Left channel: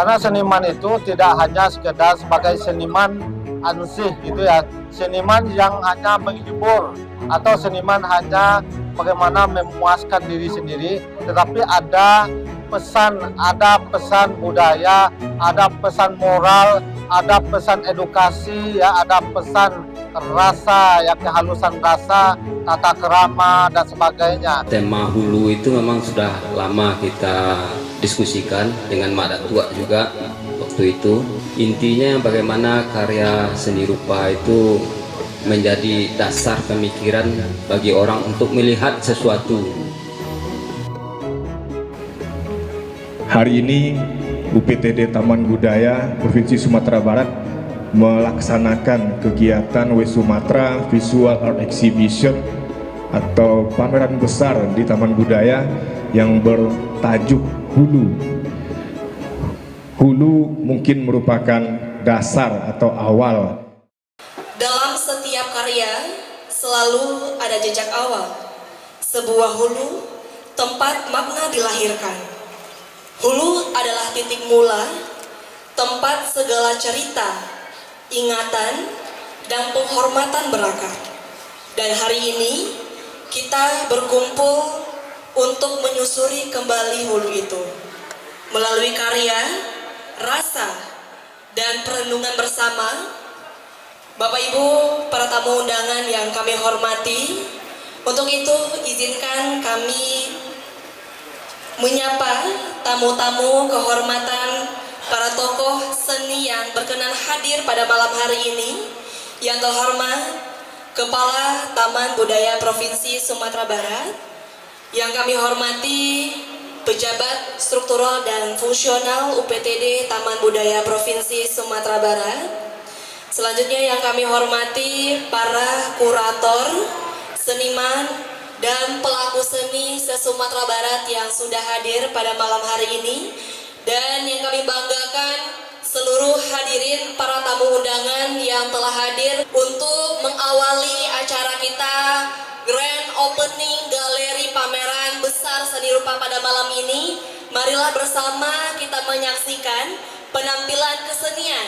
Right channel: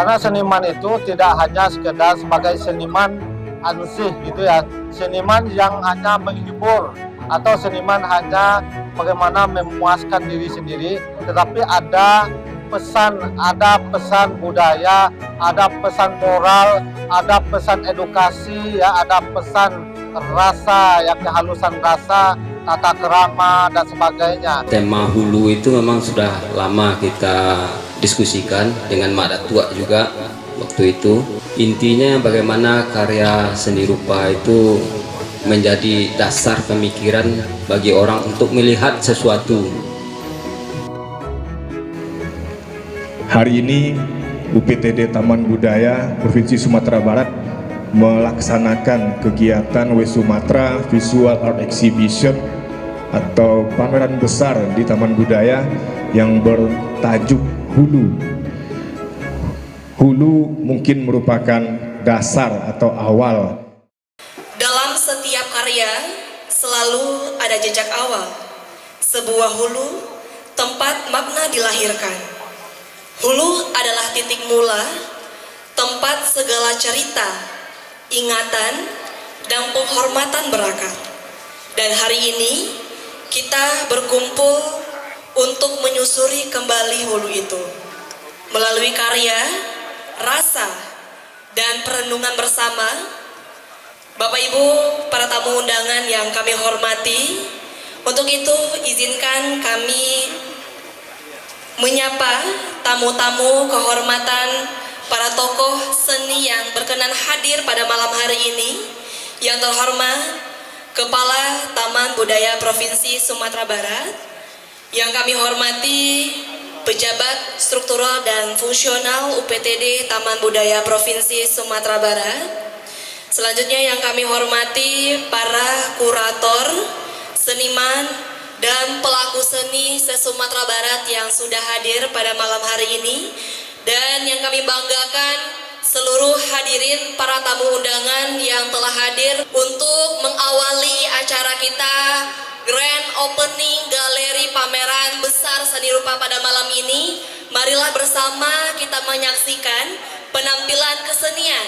Karena seniman itu tidak hanya sekedar sebagai seniman ansih gitu ya, seniman yang hanya menghibur atau seniman hanya bagaimana memuaskan diri sendiri, tetapi ada pesan budaya, ada pesan moral, ada pesan edukasi, ya, ada pesan rasa, ya, kehalusan rasa, tata kerama dan sebagainya. Tema hulu itu memang sudah lama kita diskusikan dengan Mak Datua juga waktu itu. Intinya bagaimana karya seni rupa itu menjadi dasar pemikiran bagi orang untuk melihat sesuatu. Hari ini UPTD Taman Budaya Provinsi Sumatera Barat melaksanakan kegiatan Wesumatra Visual Art Exhibition atau pameran besar di Taman Budaya yang bertajuk Hulu. Hulu mungkin merupakan dasar atau awal. Dalam setiap karya selalu ada jejak awal. Sebuah hulu tempat makna dilahirkan. Hulu adalah titik mula, tempat segala cerita, ingatan, dan penghormatan berakar. Dan hari ini kita berkumpul untuk menyusuri kembali hulu itu. Melalui karya, rasa, dan perenungan bersama, Bapak Ibu para tamu undangan yang kami hormati, untuk itu izinkan kami menyapa tamu-tamu kehormatan para tokoh seni yang berkenan hadir pada malam hari ini. Yang terhormat Kepala Taman Budaya Provinsi Sumatera Barat, yang kami hormati pejabat struktural dan fungsional UPTD Taman Budaya Provinsi Sumatera Barat. Selanjutnya yang kami hormati para kurator, seniman, dan pelaku seni se-Sumatera Barat yang sudah hadir pada malam hari ini. Dan yang kami banggakan seluruh hadirin para tamu undangan yang telah hadir untuk mengawali acara kita Grand Opening Galeri Pameran Besar Seni Rupa pada malam ini. Marilah bersama kita menyaksikan penampilan kesenian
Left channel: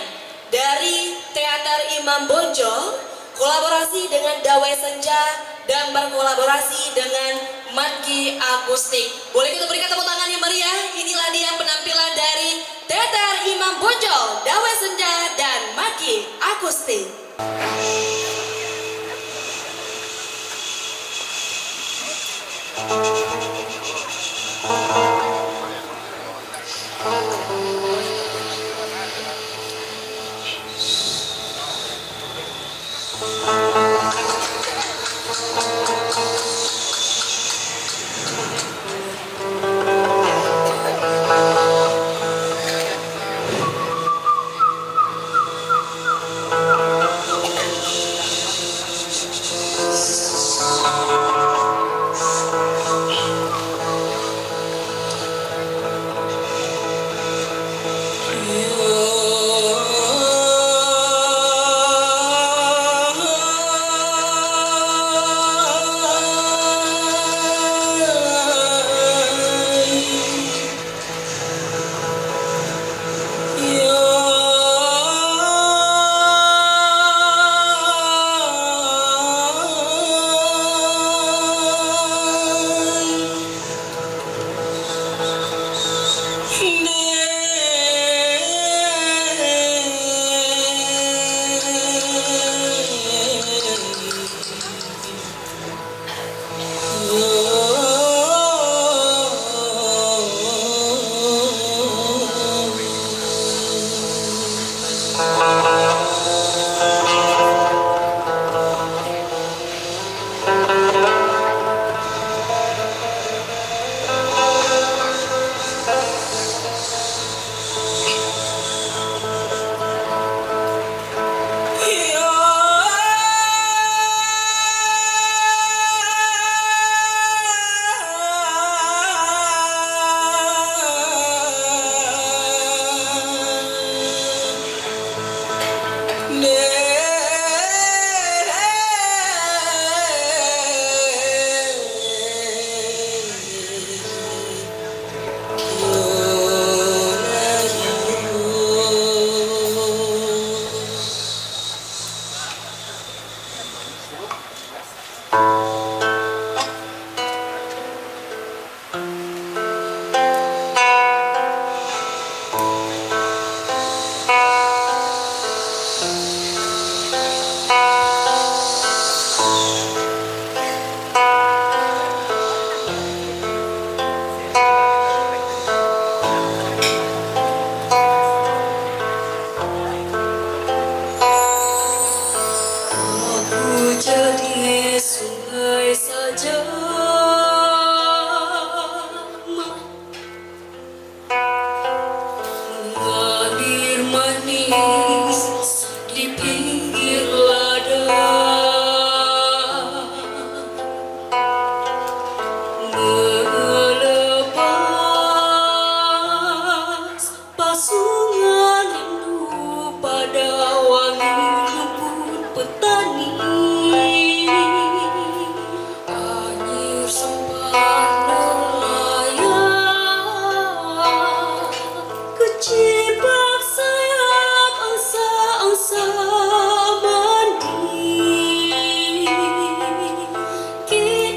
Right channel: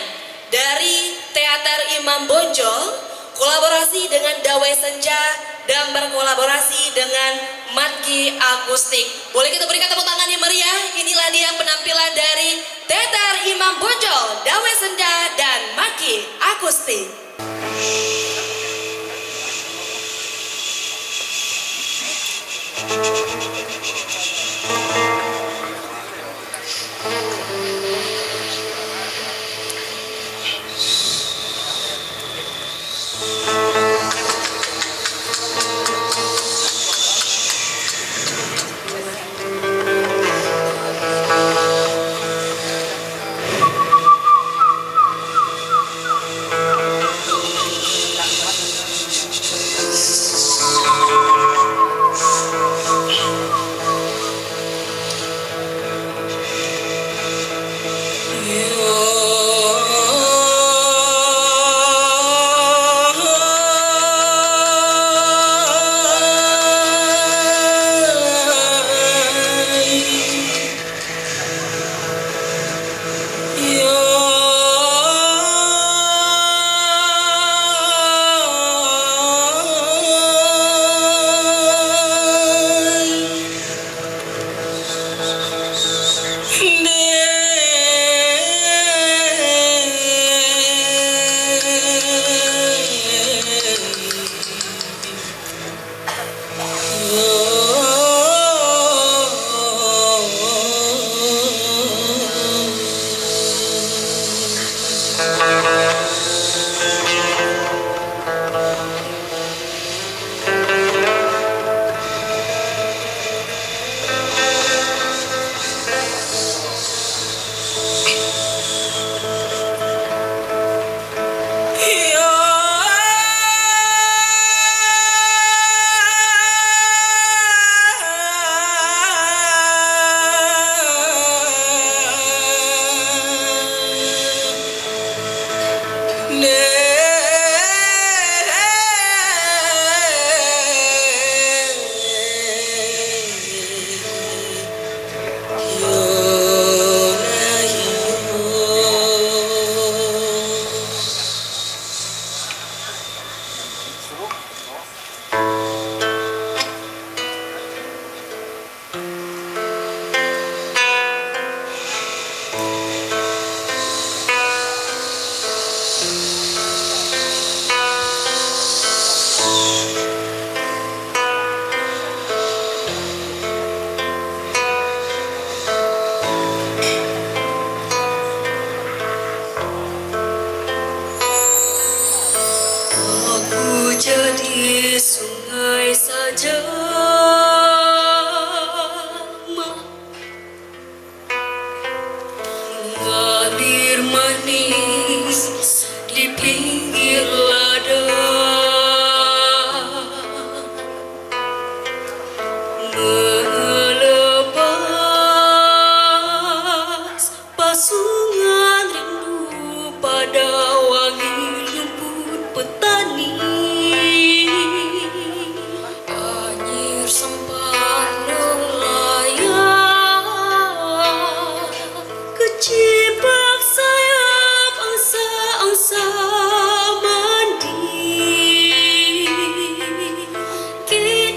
dari Teater Imam Bonjol, kolaborasi dengan Dawai Senja, dan berkolaborasi dengan Matki Akustik. Boleh kita berikan tepuk tangan yang meriah? Inilah dia penampilan dari Teater Imam Bonjol, Dawai Senja, dan Matki Akustik.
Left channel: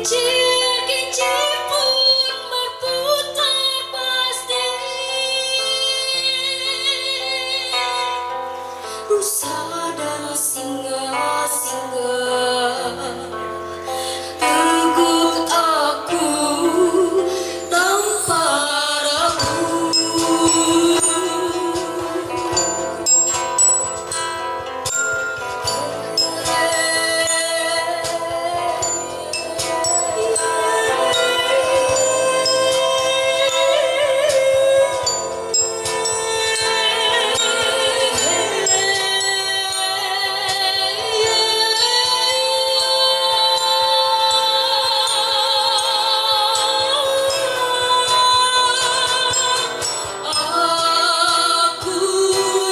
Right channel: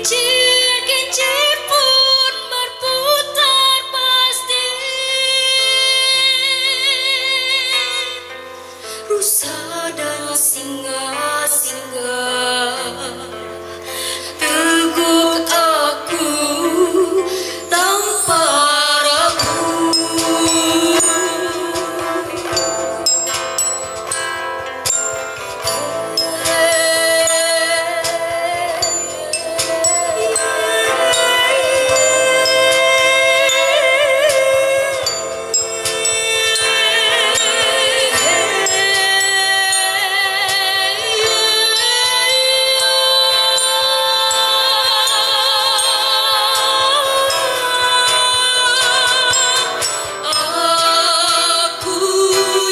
Kincir-kincir pun berputar pasti. Rusa dan singa-singa tegut aku tanpa ragu. Aku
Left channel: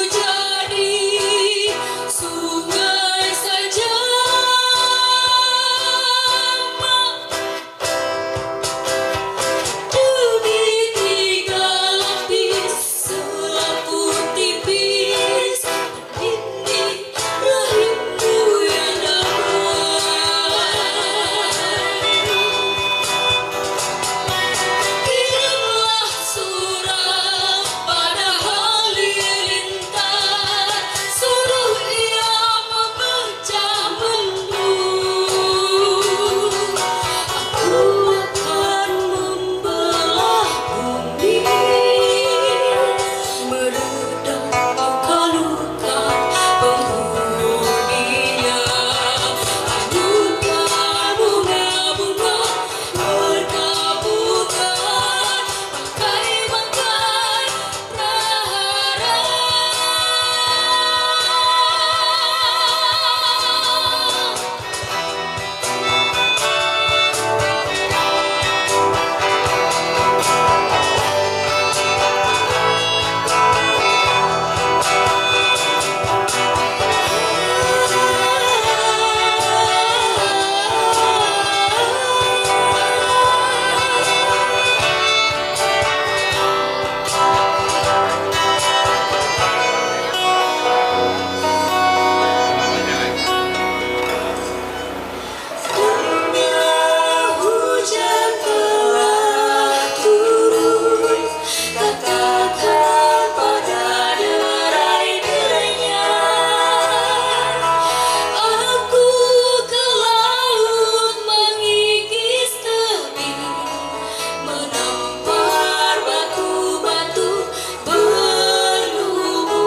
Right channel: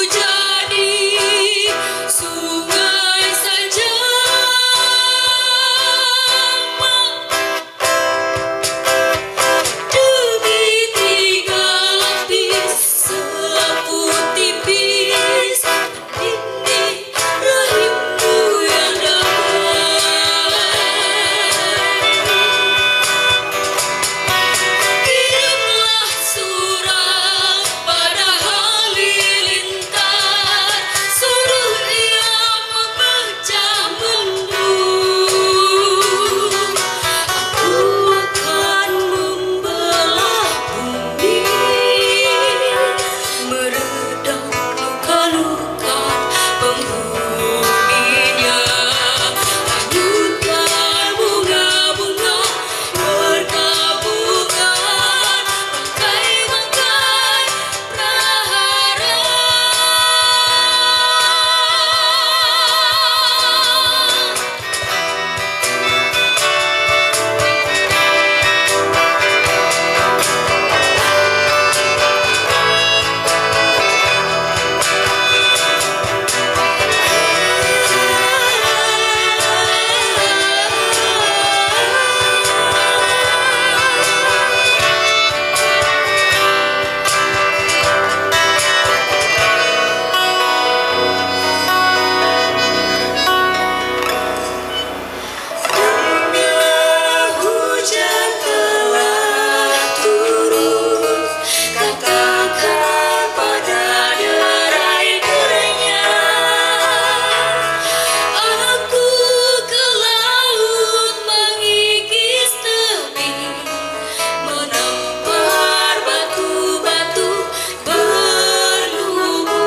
jadi sungai saja demi tiga lapis selaput tipis. Ini rahimmu yang kirimlah surat pada halilintar, suruh ia memecah bendung. Aku akan membelah bumi, meredam luka-luka penghuninya. Hanyutkan bunga-bunga bertabukan, bangkai-bangkai prahara. Hujan telah turun, katakan pada derai-derainya. Aku ke laut mengikis tepi, menampar batu-batu berlumur.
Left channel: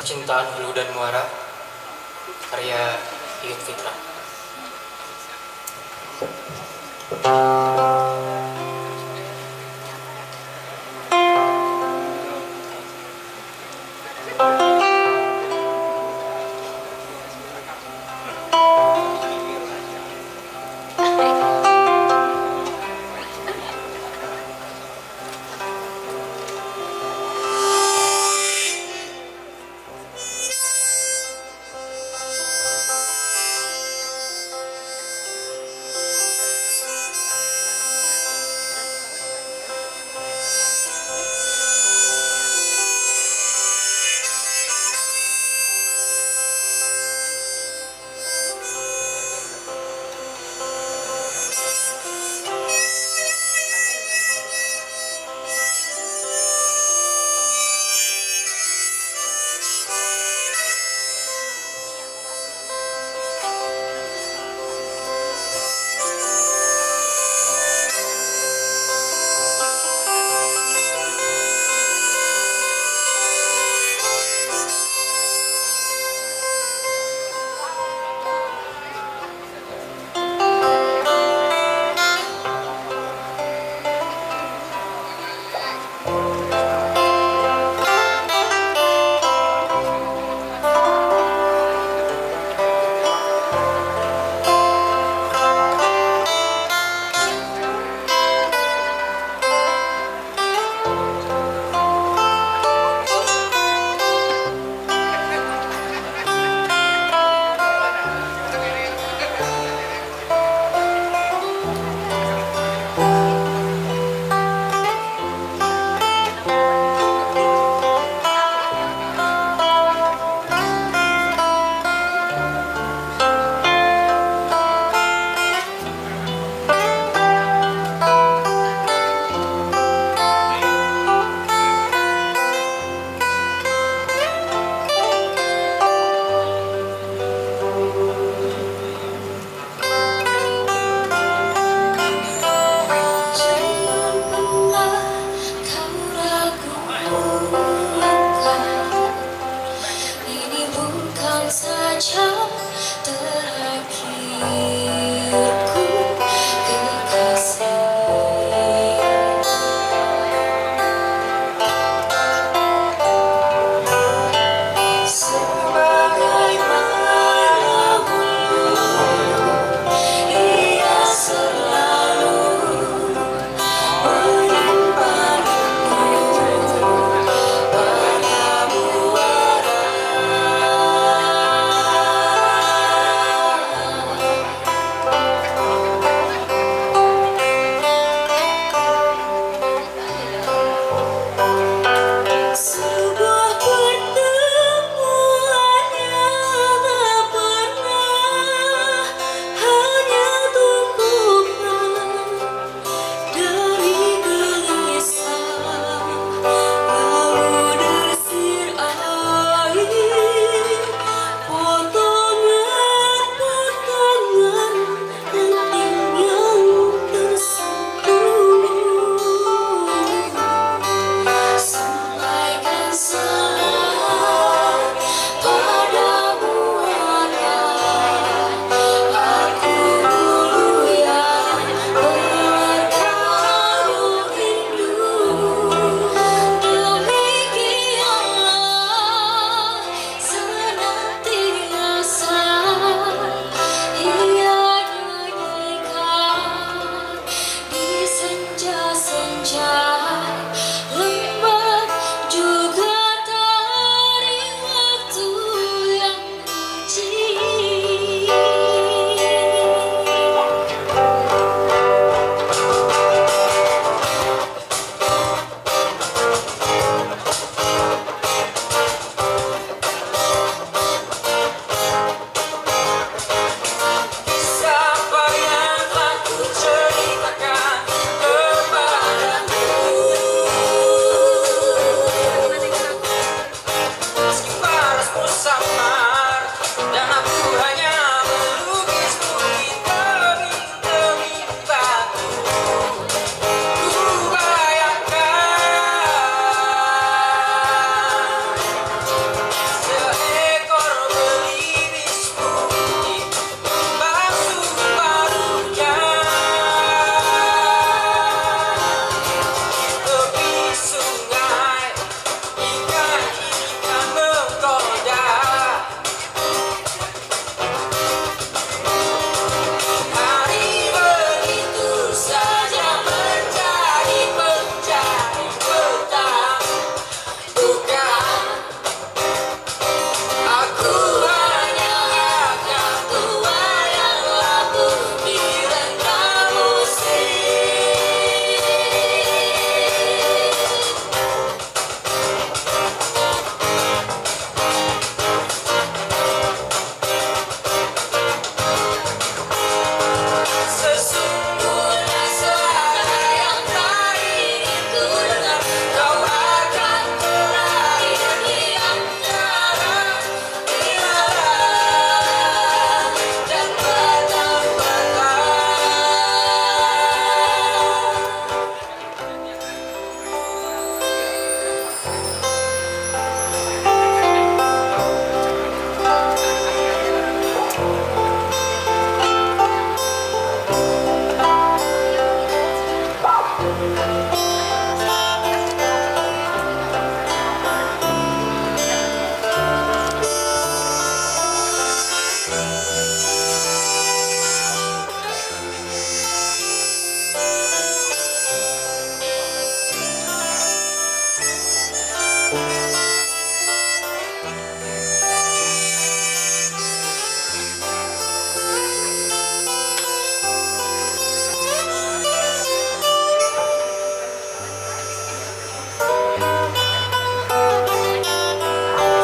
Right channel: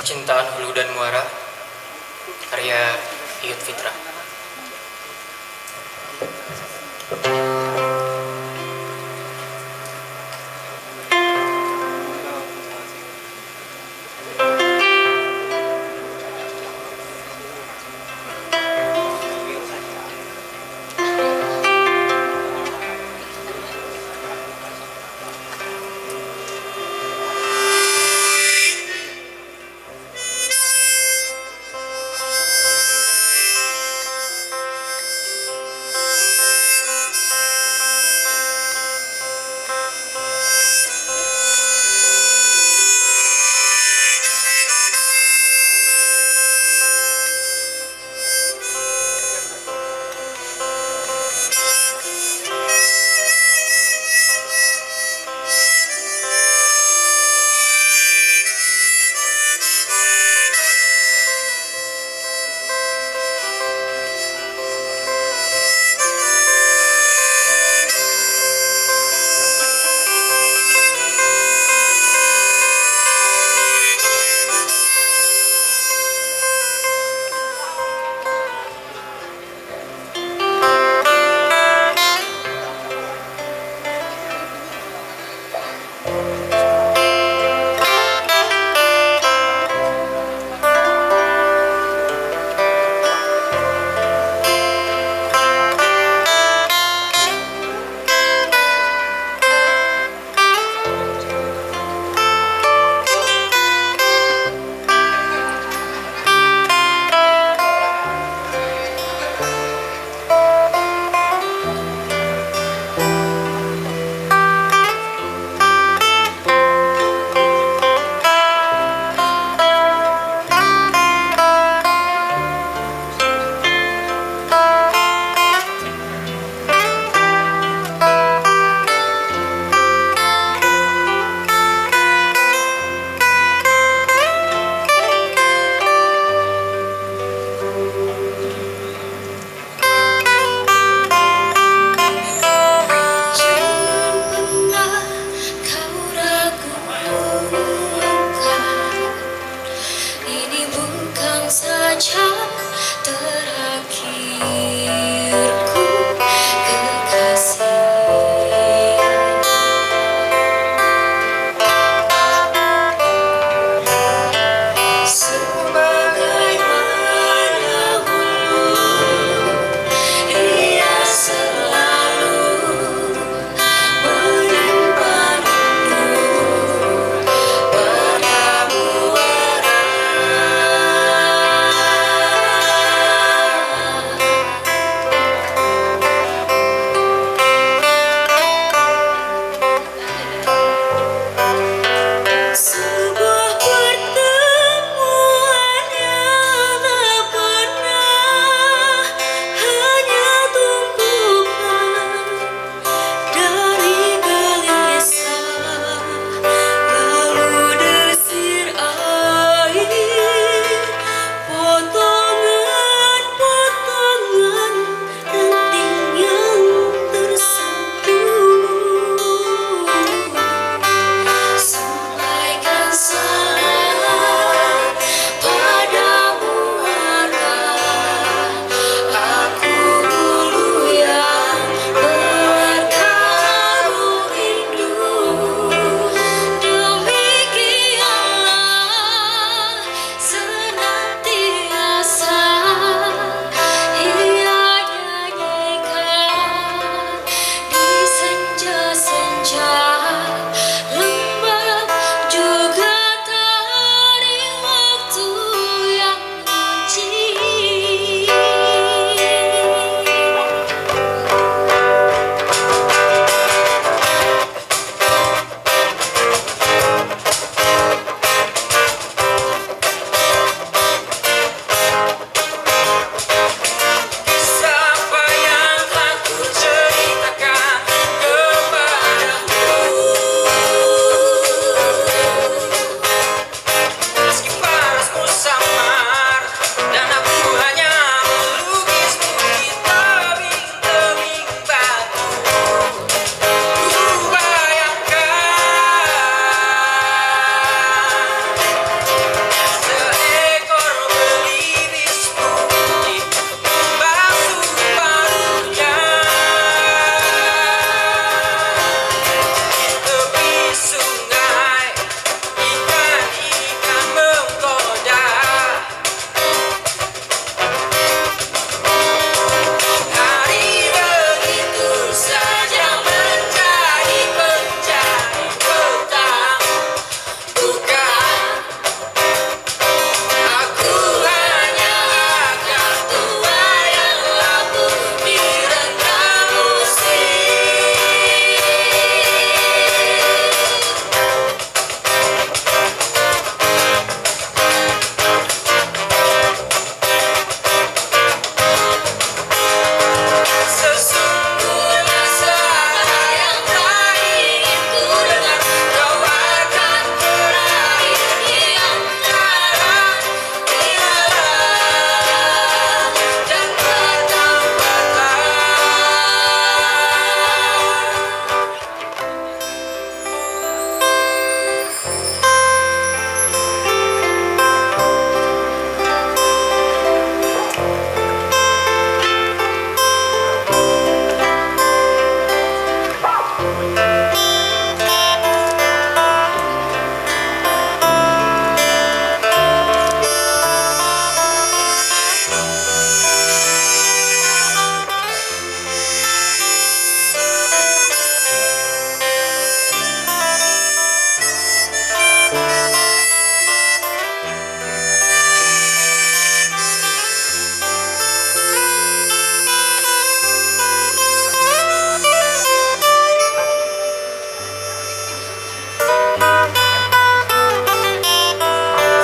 Cinta Hulu dan Muara, karya Iyut Fitra.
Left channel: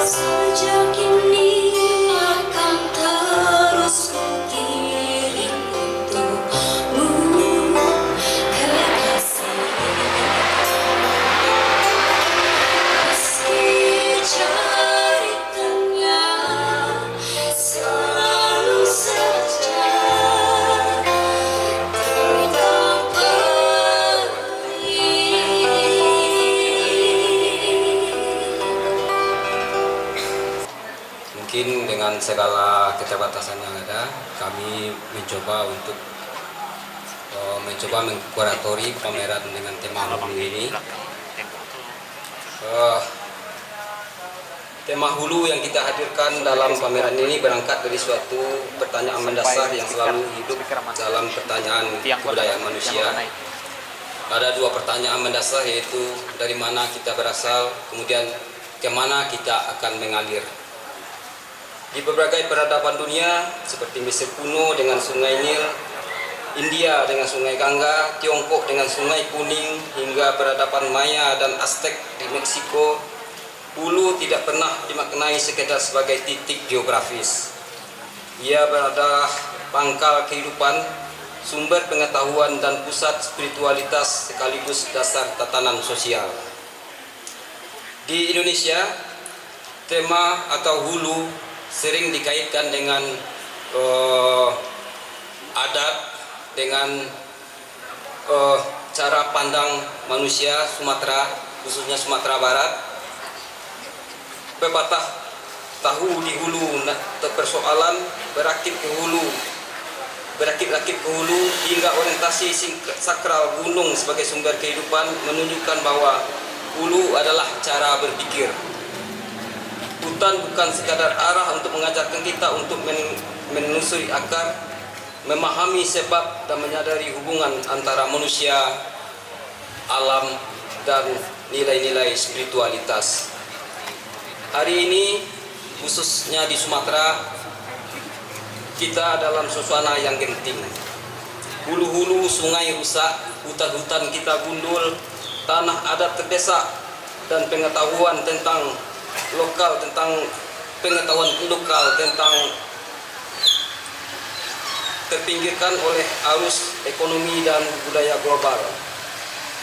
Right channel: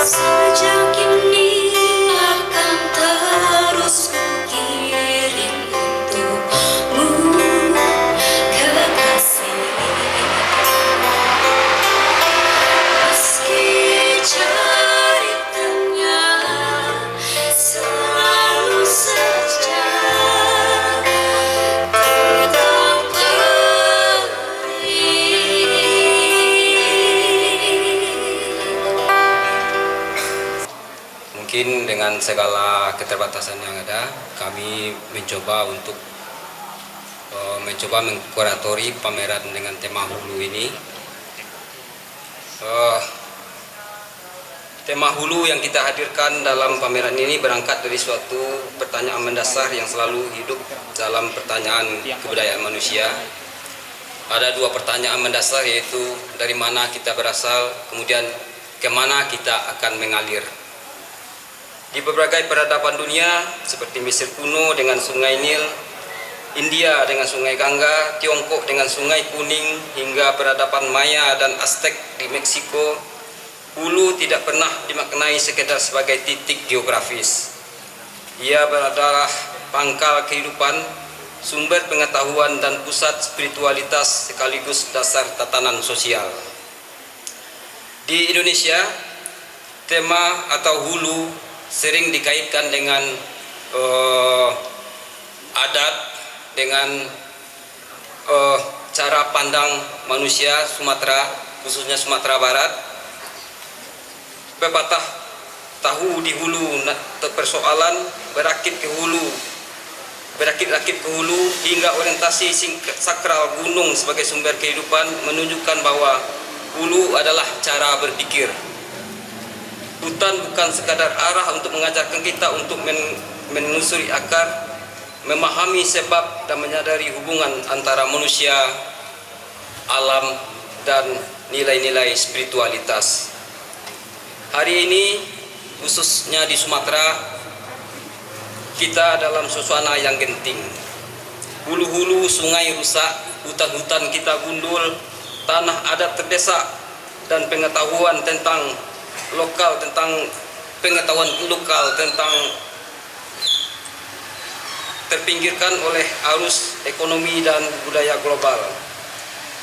Sejak ini akan terus kukirim untukmu kekasih. Meski ceritanya selalu saja tetap Mungkin dengan segala keterbatasan yang ada, kami mencoba untuk mengkuratori pameran dengan tema hulu ini. Tema hulu yang kita hadirkan dalam pameran ini berangkat dari suatu pertanyaan mendasar yang selalu hidup dalam pertanyaan kebudayaan manusia. Ada dua pertanyaan mendasar, yaitu dari mana kita berasal, kemudian kemana kita akan mengalir. Di berbagai peradaban dunia seperti Mesir kuno dengan Sungai Nil, India dengan Sungai Gangga, Tiongkok dengan Sungai Kuning, hingga peradaban Maya dan Aztec di Meksiko, hulu tidak pernah dimaknai sekedar sebagai titik geografis. Ia berada pangkal kehidupan, sumber pengetahuan dan pusat spiritualitas sekaligus dasar tatanan sosial. Di Indonesia, tema atau hulu sering dikaitkan dengan adat, dengan cara pandang manusia Sumatera, khususnya Sumatera Barat. Pepatah tahu di hulu, persoalan berakit ke hulu, berakit-rakit ke hulu, hingga orientasi sakral gunung sebagai sumber kehidupan menunjukkan bahwa hulu adalah cara berpikir. Hutan bukan sekadar arah untuk mengajarkan kita untuk menelusuri akar, memahami sebab dan menyadari hubungan antara manusia, alam, dan nilai-nilai spiritualitas. Hari ini, khususnya di Sumatera, kita dalam suasana yang genting. Hulu-hulu sungai rusak, hutan-hutan kita gundul, tanah adat terdesak, dan pengetahuan lokal tentang terpinggirkan oleh arus ekonomi dan budaya global.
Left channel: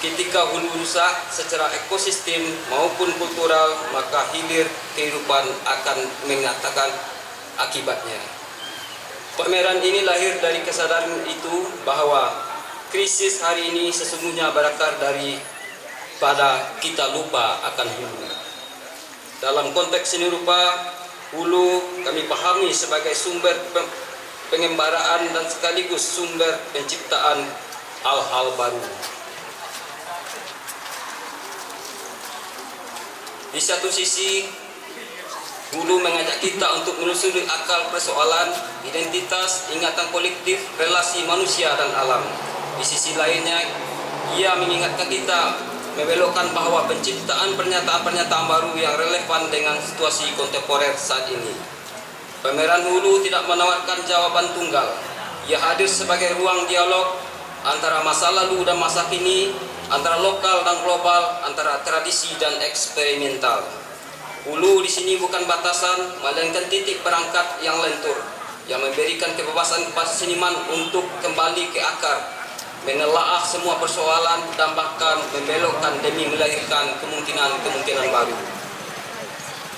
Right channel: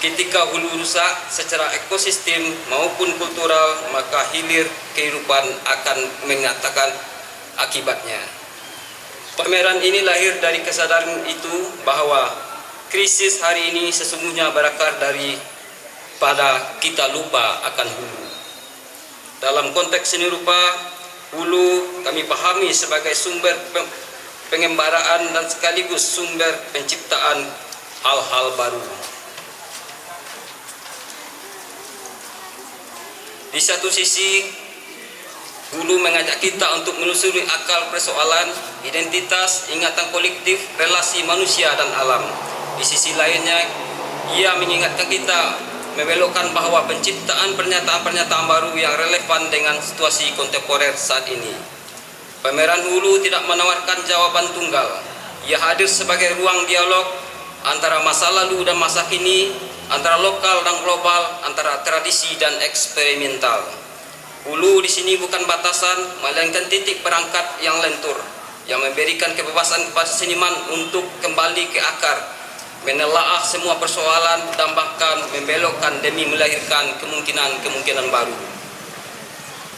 Ketika hulu rusak secara ekosistem maupun kultural, maka hilir kehidupan akan menyatakan akibatnya. Pameran ini lahir dari kesadaran itu bahwa krisis hari ini sesungguhnya berakar pada kita lupa akan hulu. Dalam konteks seni rupa, hulu kami pahami sebagai sumber pengembaraan dan sekaligus sumber penciptaan hal-hal baru. Di satu sisi, hulu mengajak kita untuk menelusuri akar persoalan, identitas, ingatan kolektif, relasi manusia dan alam. Di sisi lainnya, ia mengingatkan kita membelokkan bahwa penciptaan pernyataan-pernyataan baru yang relevan dengan situasi kontemporer saat ini. Pameran hulu tidak menawarkan jawaban tunggal. Ia hadir sebagai ruang dialog antara masa lalu dan masa kini, antara lokal dan global, antara tradisi dan eksperimental. Hulu di sini bukan batasan, melainkan titik berangkat yang lentur, yang memberikan kebebasan kepada seniman untuk kembali ke akar, menelaah semua persoalan dan bahkan membelokkan demi melahirkan kemungkinan-kemungkinan baru.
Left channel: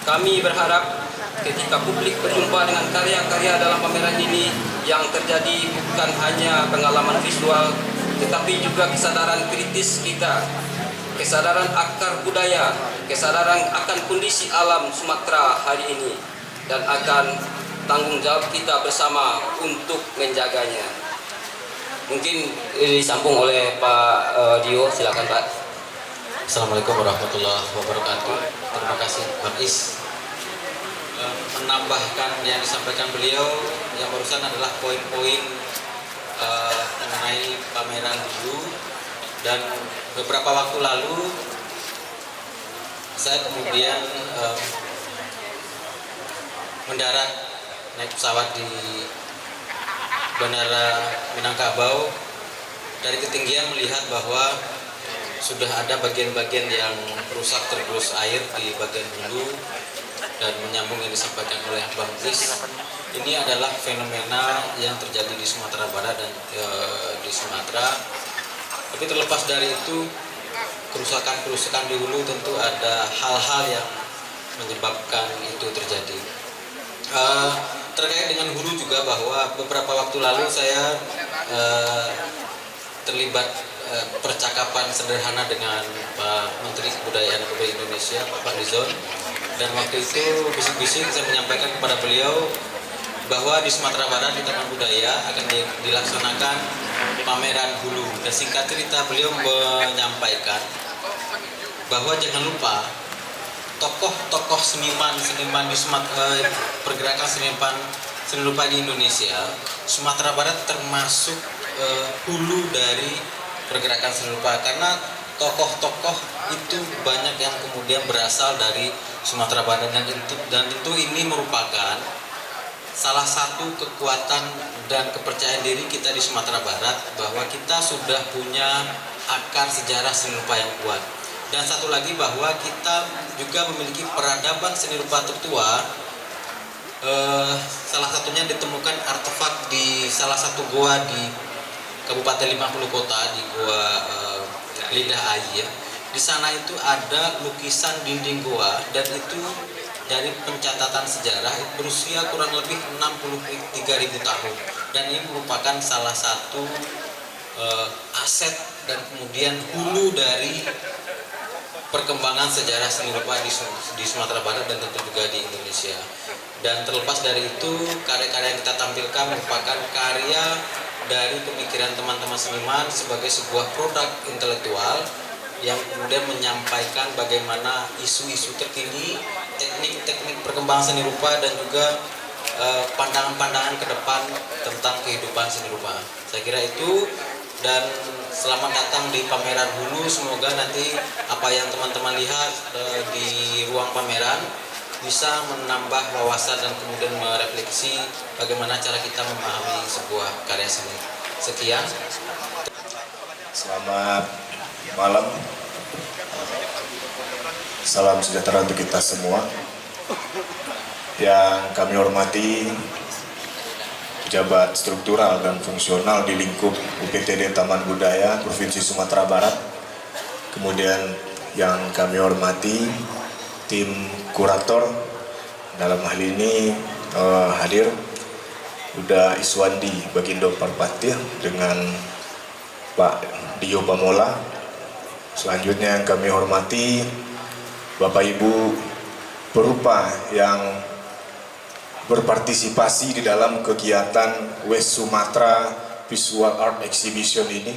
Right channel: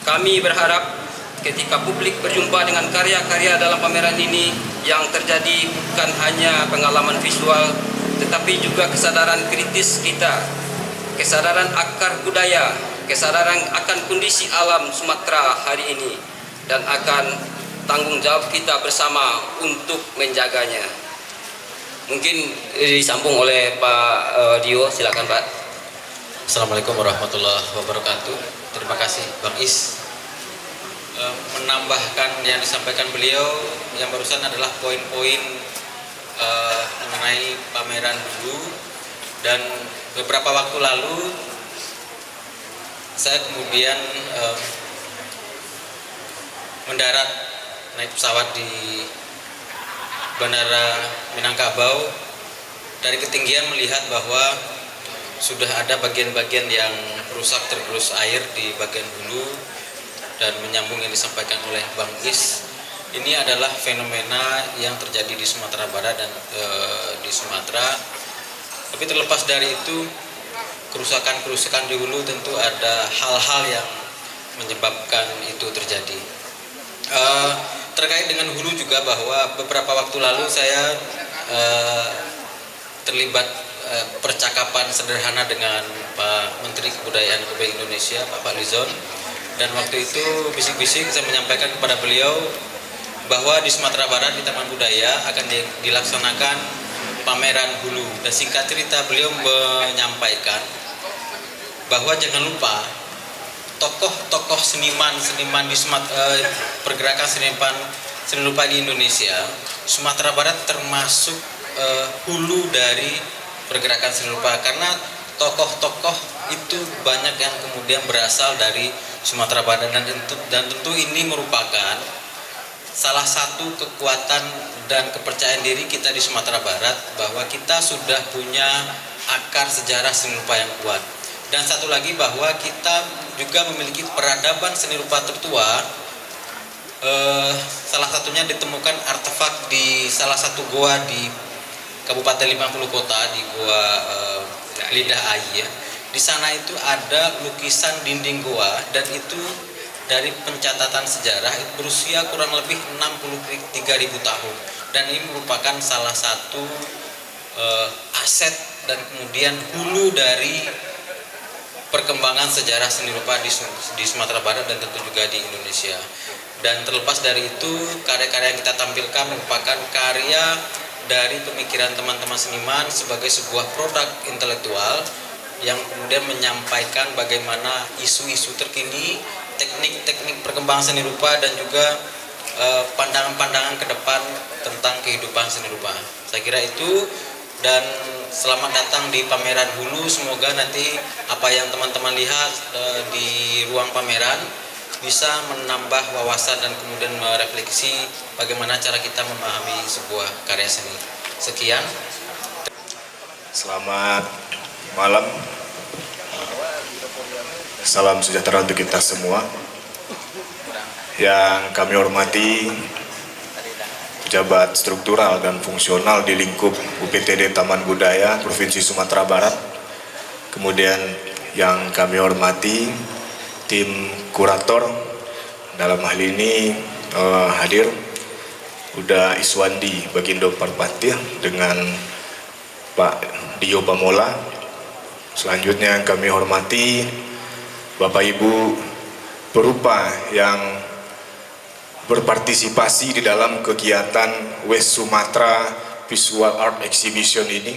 Kami berharap ketika publik berjumpa dengan karya-karya dalam pameran ini, yang terjadi bukan hanya pengalaman visual, tetapi juga kesadaran kritis kita, kesadaran akar budaya, kesadaran akan kondisi alam Sumatera hari ini, dan akan tanggung jawab kita bersama untuk menjaganya. Mungkin disambung oleh Pak Dio, silakan Pak. Assalamualaikum warahmatullahi wabarakatuh. Terima kasih Bang Is. Menambahkan yang disampaikan beliau yang barusan adalah poin-poin mengenai pameran dulu, dan beberapa waktu lalu saya kemudian mendarat naik pesawat di Bandara Minangkabau. Dari ketinggian melihat bahwa sudah ada bagian-bagian yang rusak tergerus air di bagian hulu, dan menyambung yang disampaikan oleh Bang Is, ini adalah fenomena yang terjadi di Sumatera Barat dan di Sumatera. Tapi terlepas dari itu, kerusakan-kerusakan di hulu tentu ada hal-hal yang menyebabkan itu terjadi. Terkait dengan hulu juga, bahwa beberapa waktu lalu saya terlibat percakapan sederhana dengan Pak Menteri Kebudayaan Republik Indonesia, Pak Lizon, dan waktu itu bisik-bisik saya menyampaikan kepada beliau bahwa di Sumatera Barat di Taman Budaya akan dilaksanakan pameran hulu. Dan singkat cerita beliau menyampaikan bahwa jangan lupa tokoh-tokoh seniman di pergerakan seni rupa di Indonesia, Sumatera Barat termasuk hulu dari pergerakan seni rupa, karena tokoh-tokoh itu banyak yang kemudian berasal dari Sumatera Barat, dan tentu ini merupakan salah satu kekuatan dan kepercayaan diri kita di Sumatera Barat, bahwa kita sudah punya akar sejarah seni rupa yang kuat. Dan satu lagi, bahwa kita juga memiliki peradaban seni rupa tertua. Salah satunya ditemukan artefak di salah satu goa di Kabupaten 50 Kota, di Goa Lidah Ai ya. Di sana itu ada lukisan dinding goa, dan itu dari pencatatan sejarah berusia kurang lebih 63.000 tahun. Dan ini merupakan salah satu aset dan kemudian hulu dari perkembangan sejarah seni rupa di Sumatera Barat dan tentu juga di Indonesia. Dan terlepas dari itu, karya-karya yang kita tampilkan merupakan karya dari pemikiran teman-teman seniman sebagai sebuah produk intelektual yang kemudian menyampaikan bagaimana isu-isu terkini, teknik-teknik perkembangan seni rupa, dan juga pandangan-pandangan ke depan tentang kehidupan seni rupa. Saya kira itu. Dan selamat datang di pameran hulu. Semoga nanti apa yang teman-teman lihat di ruang pameran bisa menambah wawasan dan kemudian merefleksi bagaimana cara kita memahami sebuah karya seni. Sekian. Selamat malam. Salam sejahtera untuk kita semua. Yang kami hormati pejabat struktural dan fungsional di lingkup UPTD Taman Budaya Provinsi Sumatera Barat. Kemudian yang kami hormati tim kurator, dalam hal ini hadir Uda Iswandi Bagindo Parpati dengan Pak Dio Pamola. Selanjutnya yang kami hormati Bapak Ibu perupa yang berpartisipasi di dalam kegiatan West Sumatra Visual Art Exhibition ini.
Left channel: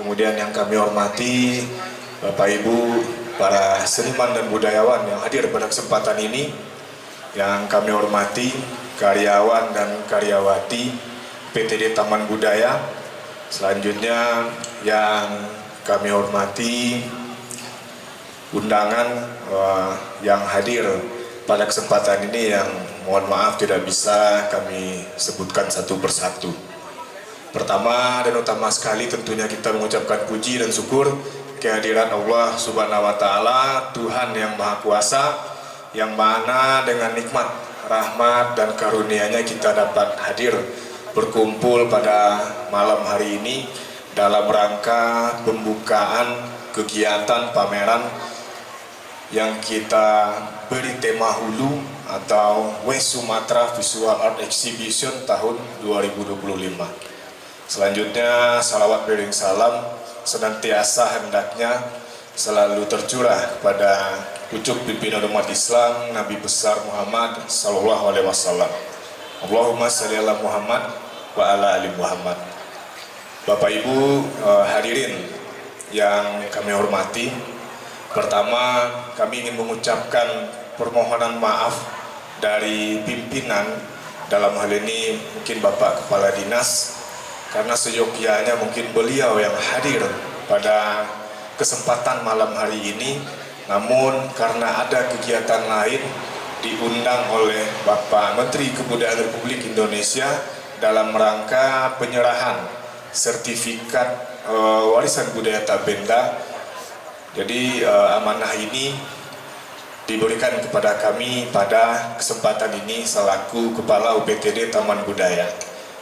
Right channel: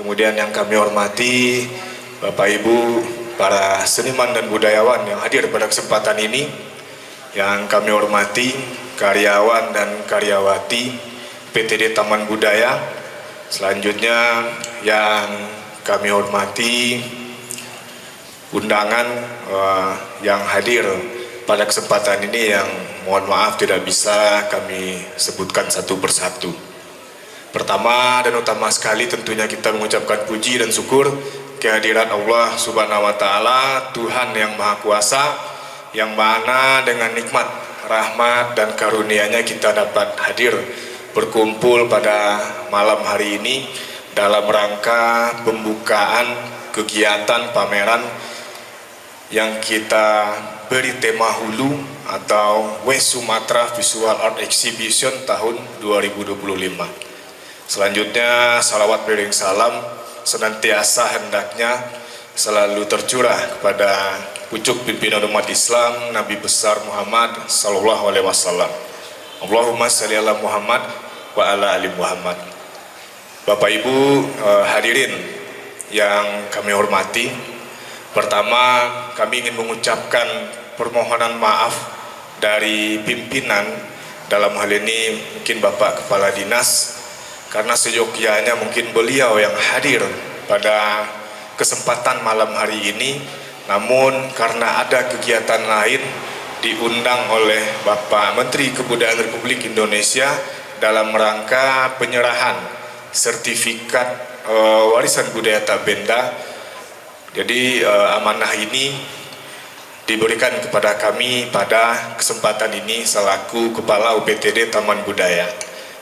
Kemudian yang kami hormati Bapak Ibu para seniman dan budayawan yang hadir pada kesempatan ini. Yang kami hormati karyawan dan karyawati PTD Taman Budaya. Selanjutnya yang kami hormati undangan yang hadir pada kesempatan ini, yang mohon maaf tidak bisa kami sebutkan satu persatu. Pertama dan utama sekali tentunya kita mengucapkan puji dan syukur kehadiran Allah Subhanahu wa Ta'ala, Tuhan yang Maha Kuasa, yang mana dengan nikmat, rahmat dan karunia-Nya kita dapat hadir berkumpul pada malam hari ini dalam rangka pembukaan kegiatan pameran yang kita beri tema hulu atau West Sumatra Visual Art Exhibition tahun 2025. Selanjutnya salawat beriring salam senantiasa hendaknya selalu tercurah kepada pucuk pimpinan umat Islam Nabi besar Muhammad sallallahu alaihi wasallam. Allahumma shalli ala Muhammad wa ala ali Muhammad. Bapak Ibu hadirin yang kami hormati, pertama kami ingin mengucapkan permohonan maaf dari pimpinan, dalam hal ini mungkin Bapak Kepala Dinas, karena seyogyanya mungkin beliau yang hadir pada kesempatan malam hari ini namun karena ada kegiatan lain diundang oleh Bapak Menteri Kebudayaan Republik Indonesia dalam rangka penyerahan sertifikat warisan budaya Tak Benda. Jadi amanah ini diberikan kepada kami pada kesempatan ini selaku Kepala UPTD Taman Budaya.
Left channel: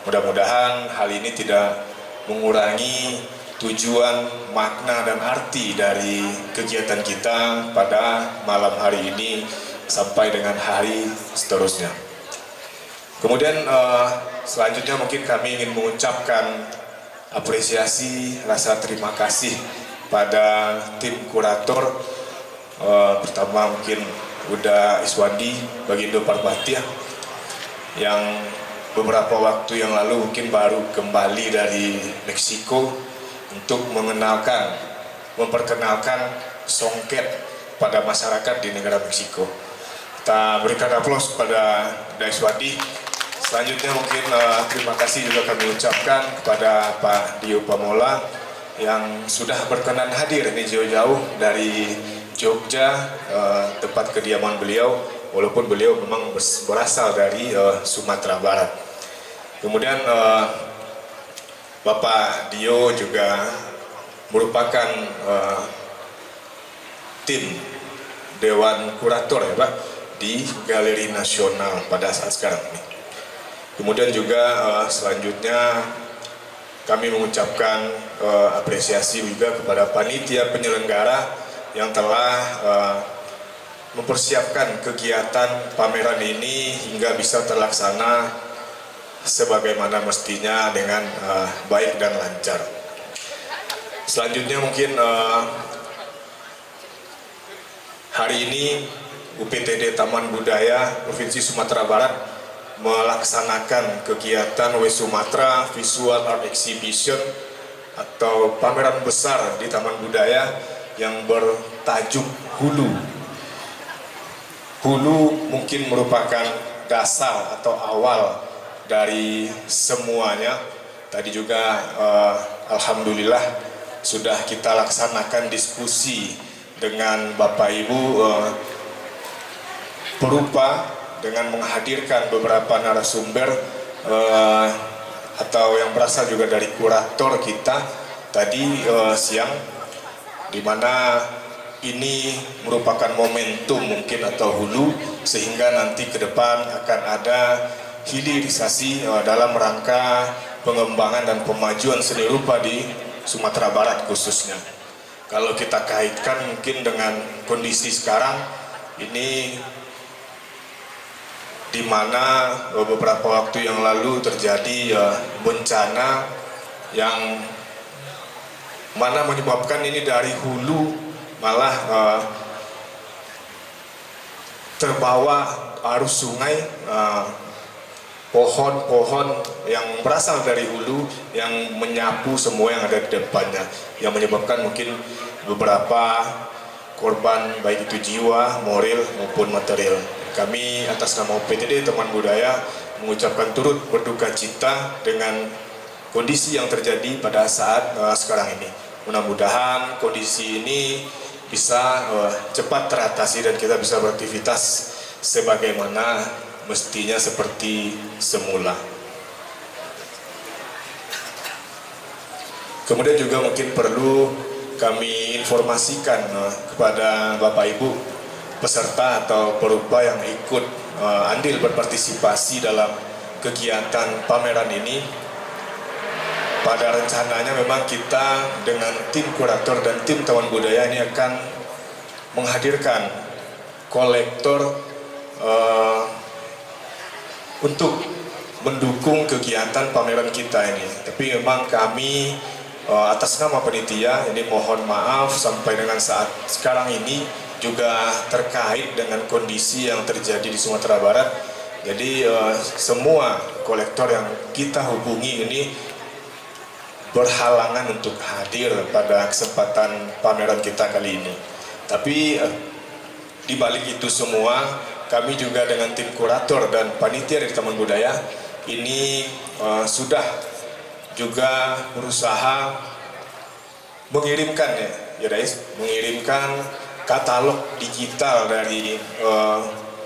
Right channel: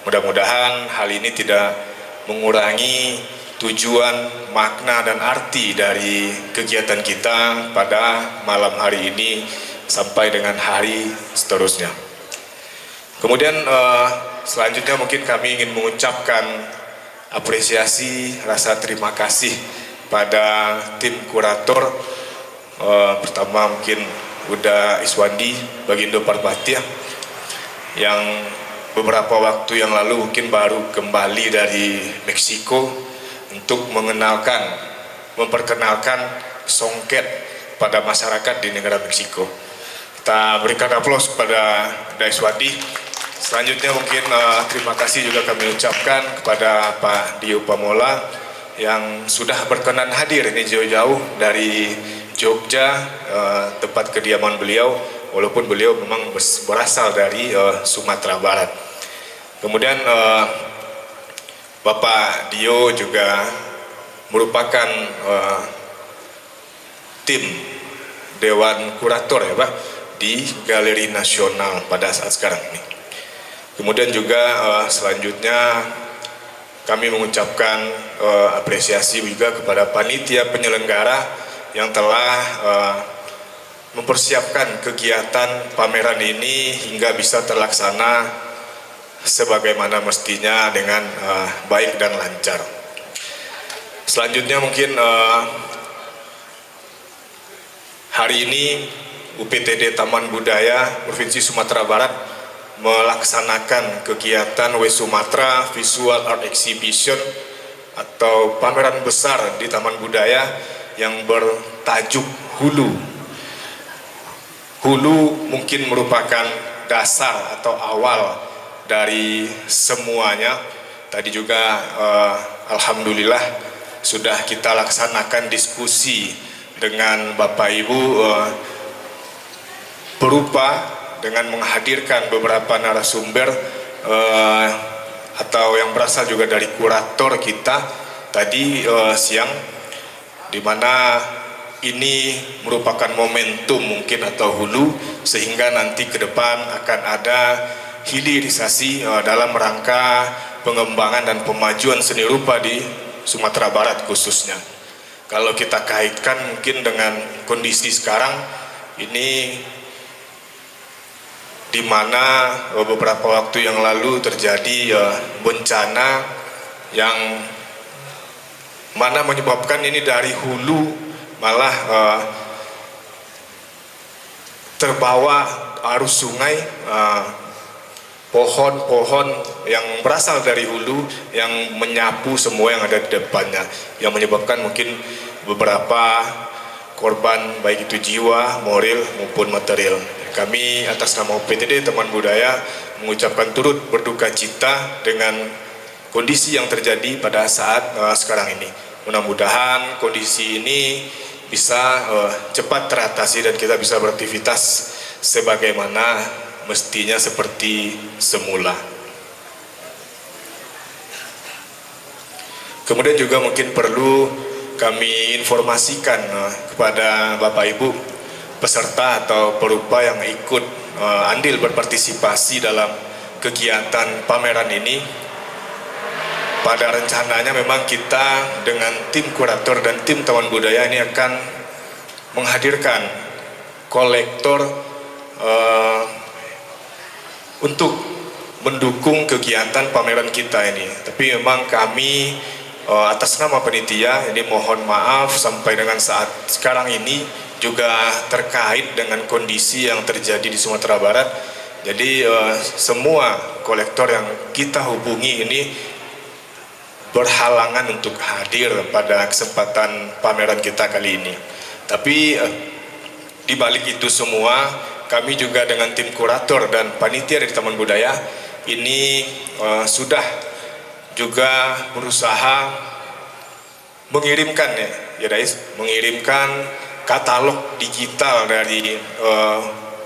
Mudah-mudahan hal ini tidak mengurangi tujuan, makna, dan arti dari kegiatan kita pada malam hari ini sampai dengan hari seterusnya. Kemudian selanjutnya mungkin kami ingin mengucapkan apresiasi, rasa terima kasih pada tim kurator. Pertama mungkin Uda Iswandi, Bagindo Parbatia, yang beberapa waktu yang lalu mungkin baru kembali dari Meksiko untuk memperkenalkan songket pada masyarakat di negara Meksiko. Kita berikan aplaus kepada Uda Iswandi. Selanjutnya mungkin terima kasih juga kami ucapkan kepada Pak Dio Pamola yang sudah berkenan hadir ini jauh-jauh dari Jogja, tempat kediaman beliau, walaupun beliau memang berasal dari Sumatera Barat. Kemudian Bapak Dio juga merupakan tim Dewan Kurator ya Pak di Galeri Nasional pada saat sekarang ini. Kemudian juga selanjutnya kami mengucapkan apresiasi juga kepada panitia penyelenggara yang telah mempersiapkan kegiatan pameran ini hingga bisa terlaksana sebagaimana mestinya dengan baik dan lancar. Selanjutnya mungkin hari ini UPTD Taman Budaya Provinsi Sumatera Barat melaksanakan kegiatan Wesumatra Visual Art Exhibition atau pameran besar di Taman Budaya yang bertajuk Hulu. Hulu mungkin merupakan dasar atau awal dari semuanya. Tadi juga alhamdulillah sudah kita laksanakan diskusi dengan Bapak Ibu berupa dengan menghadirkan beberapa narasumber atau yang berasal juga dari kurator kita tadi siang, di mana ini merupakan momentum mungkin atau hulu sehingga nanti ke depan akan ada hilirisasi dalam rangka pengembangan dan pemajuan seni rupa di Sumatera Barat khususnya. Kalau kita kaitkan mungkin dengan kondisi sekarang ini, di mana beberapa waktu yang lalu terjadi bencana yang mana menyebabkan ini dari hulu malah terbawa arus sungai, pohon-pohon yang berasal dari hulu yang menyapu semua yang ada di depannya, yang menyebabkan mungkin beberapa korban baik itu jiwa, moral maupun material. Kami atas nama UPTD Taman Budaya mengucapkan turut berduka cita dengan kondisi yang terjadi pada saat sekarang ini. Mudah-mudahan kondisi ini bisa cepat teratasi dan kita bisa beraktivitas sebagaimana mestinya seperti semula. Kemudian juga mungkin perlu kami informasikan kepada Bapak Ibu peserta atau perupa yang ikut andil berpartisipasi dalam kegiatan pameran ini. Pada rencananya memang kita dengan tim kurator dan tim Taman Budaya ini akan menghadirkan kolektor untuk mendukung kegiatan pameran kita ini. Tapi memang kami atas nama panitia ini mohon maaf sampai dengan saat sekarang ini juga terkait dengan kondisi yang terjadi di Sumatera Barat. Jadi semua kolektor yang kita hubungi ini berhalangan untuk hadir pada kesempatan pameran kita kali ini. Tapi di balik itu semua, kami juga dengan tim kurator dan panitia dari Taman Budaya ini sudah juga berusaha mengirimkan mengirimkan katalog digital dari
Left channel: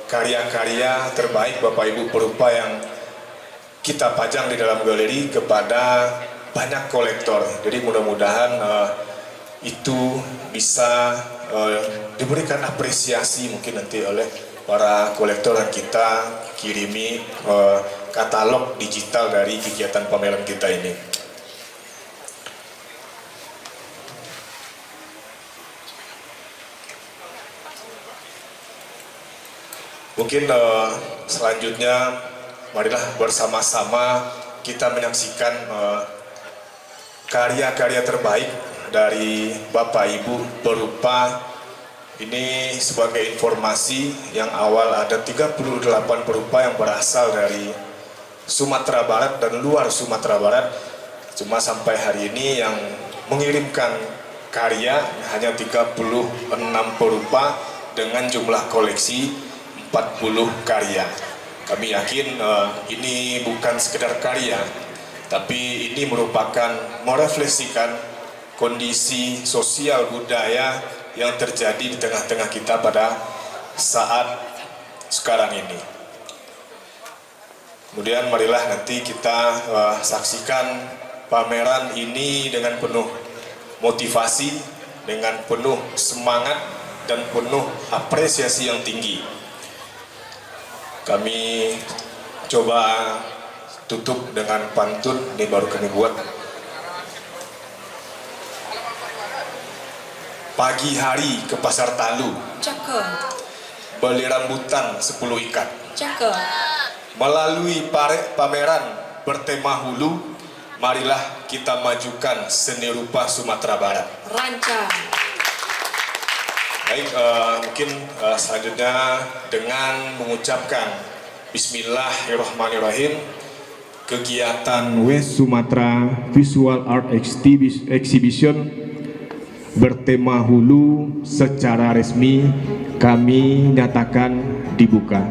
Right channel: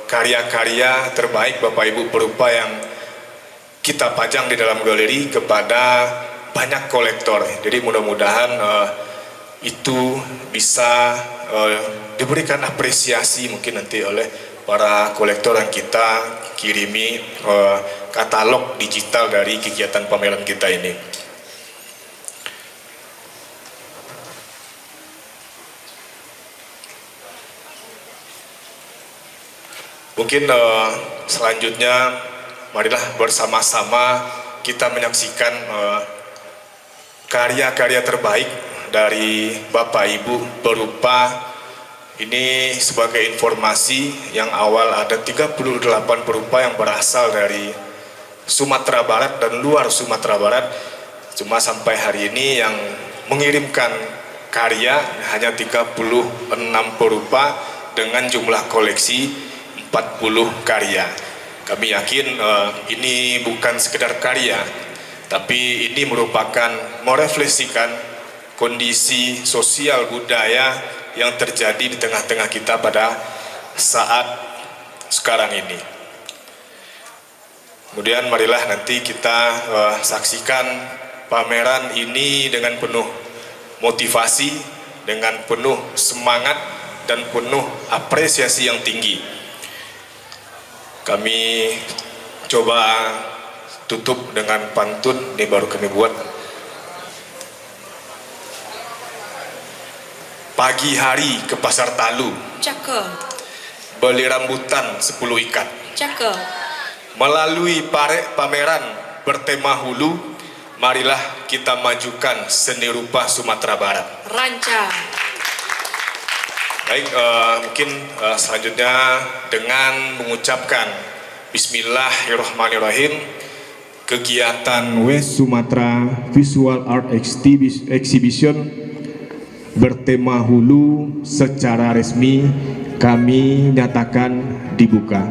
karya-karya terbaik Bapak Ibu berupa yang kita pajang di dalam galeri kepada banyak kolektor. Jadi mudah-mudahan itu bisa diberikan apresiasi mungkin nanti oleh para kolektor yang kita kirimi katalog digital dari kegiatan pameran kita ini. Mungkin selanjutnya marilah bersama-sama kita menyaksikan karya-karya terbaik dari Bapak Ibu berupa ini sebagai informasi yang awal ada 38 berupa yang berasal dari Sumatera Barat dan luar Sumatera Barat. Cuma sampai hari ini yang mengirimkan karya hanya 36 berupa dengan jumlah koleksi 40 karya. Kami yakin ini bukan sekedar karya, tapi ini merupakan merefleksikan kondisi sosial budaya yang terjadi di tengah-tengah kita pada saat sekarang ini. Kemudian marilah nanti kita saksikan pameran ini dengan penuh motivasi, dengan penuh semangat dan penuh apresiasi yang tinggi. Kami coba tutup dengan pantun, ini baru kami buat. Pagi hari ke pasar Talu, Cakep, beli rambutan 10 ikat. cakep. Melalui pameran bertema hulu, marilah kita majukan seni rupa Sumatera Barat. Rancang. Baik, mungkin selanjutnya dengan mengucapkan Bismillahirrahmanirrahim, kegiatan West Sumatra Visual Art Exhibition bertema hulu secara resmi kami nyatakan dibuka.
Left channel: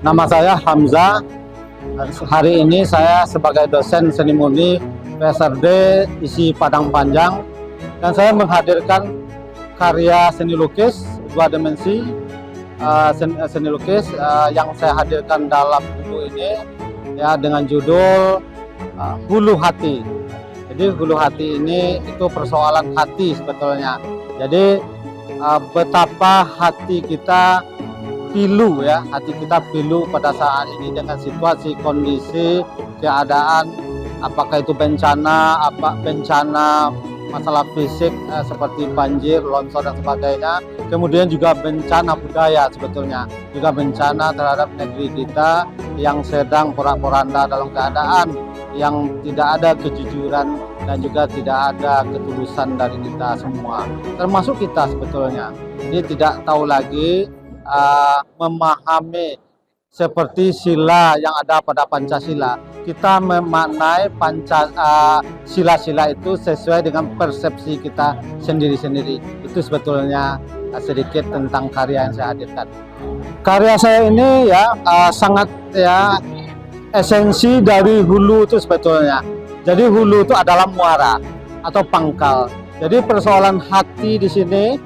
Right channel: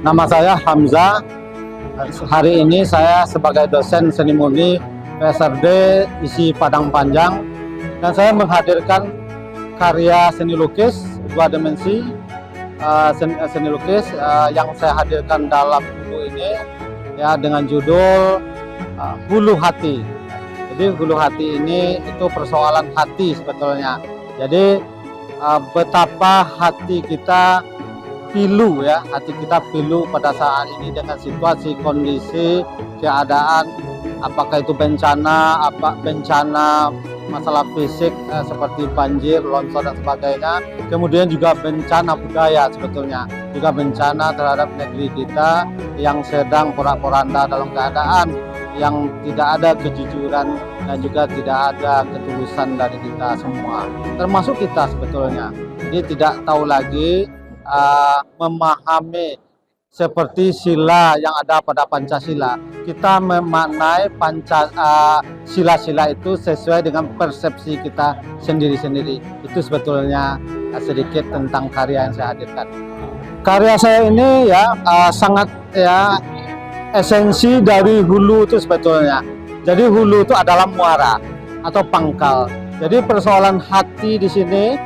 Nama saya Hamzah. Hari ini saya sebagai dosen seni murni PSRD isi Padang Panjang, dan saya menghadirkan karya seni lukis 2 dimensi. Seni lukis yang saya hadirkan dalam buku ini ya dengan judul Hulu Hati. Jadi hulu hati ini itu persoalan hati sebetulnya. Jadi betapa hati kita pilu ya, hati kita pilu pada saat ini dengan situasi, kondisi, keadaan, apakah itu bencana, masalah fisik seperti banjir, longsor dan sebagainya. Kemudian juga bencana budaya sebetulnya, juga bencana terhadap negeri kita yang sedang porak-poranda dalam keadaan yang tidak ada kejujuran dan juga tidak ada ketulusan dari kita semua, termasuk kita sebetulnya. Jadi tidak tahu lagi memahami seperti sila yang ada pada Pancasila. Kita memaknai sila-sila itu sesuai dengan persepsi kita sendiri-sendiri. Itu sebetulnya sedikit tentang karya yang saya hadirkan. Karya saya ini ya sangat ya esensi dari hulu itu sebetulnya. Jadi hulu itu adalah muara atau pangkal. Jadi persoalan hati di sini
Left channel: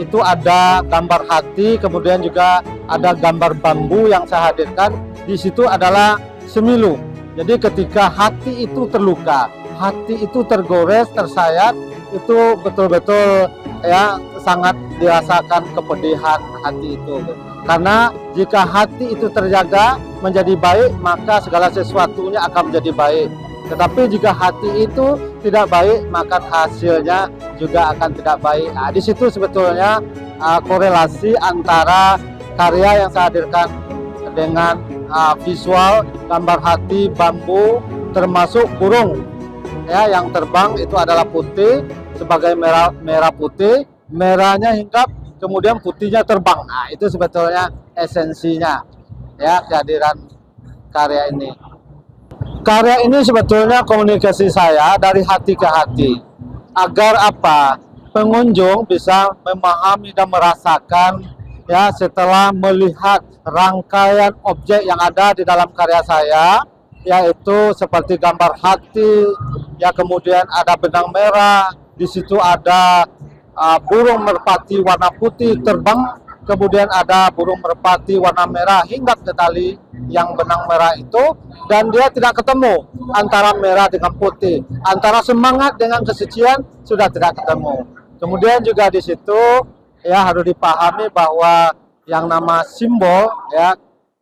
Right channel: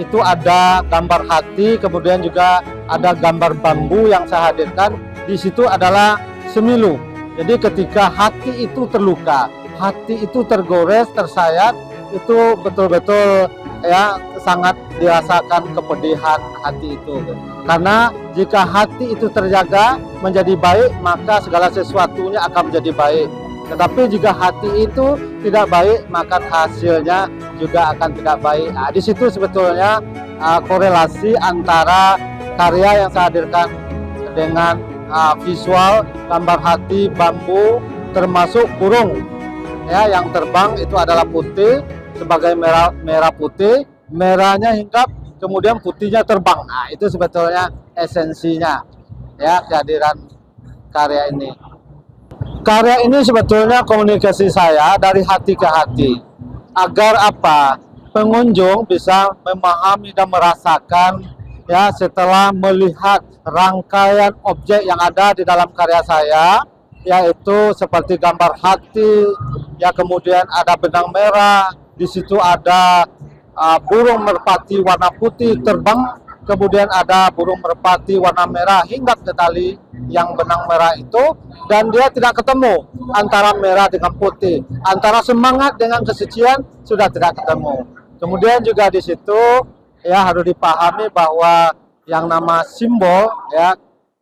itu ada gambar hati, kemudian juga ada gambar bambu yang saya hadirkan. Di situ adalah semilu. Jadi ketika hati itu terluka, hati itu tergores, tersayat, itu betul-betul ya sangat dirasakan kepedihan hati itu. Karena jika hati itu terjaga menjadi baik, maka segala sesuatunya akan menjadi baik. Tetapi jika hati itu tidak baik, maka hasilnya juga akan tidak baik. Nah, di situ sebetulnya korelasi antara karya yang saya hadirkan dengan visual, gambar hati, bambu, termasuk burung ya yang terbang itu adalah putih sebagai merah putih, merahnya hinggap, kemudian putihnya terbang. Nah, itu sebetulnya esensinya ya kehadiran karya ini. Karya ini sebetulnya komunikasi saya dari hati ke hati. Agar apa? Pengunjung bisa memahami dan merasakan ya setelah melihat rangkaian objek yang ada di dalam karya saya, yaitu seperti gambar hati, ya kemudian ada benang merah, di situ ada burung merpati warna putih terbang, kemudian ada burung merpati warna merah hingga ke tali yang benang merah itu, dan dia tidak ketemu antara merah dengan putih, antara semangat dengan kesucian sudah tidak ketemu. Kemudian juga di situ ya harus dipahami bahwa yang nama simbol ya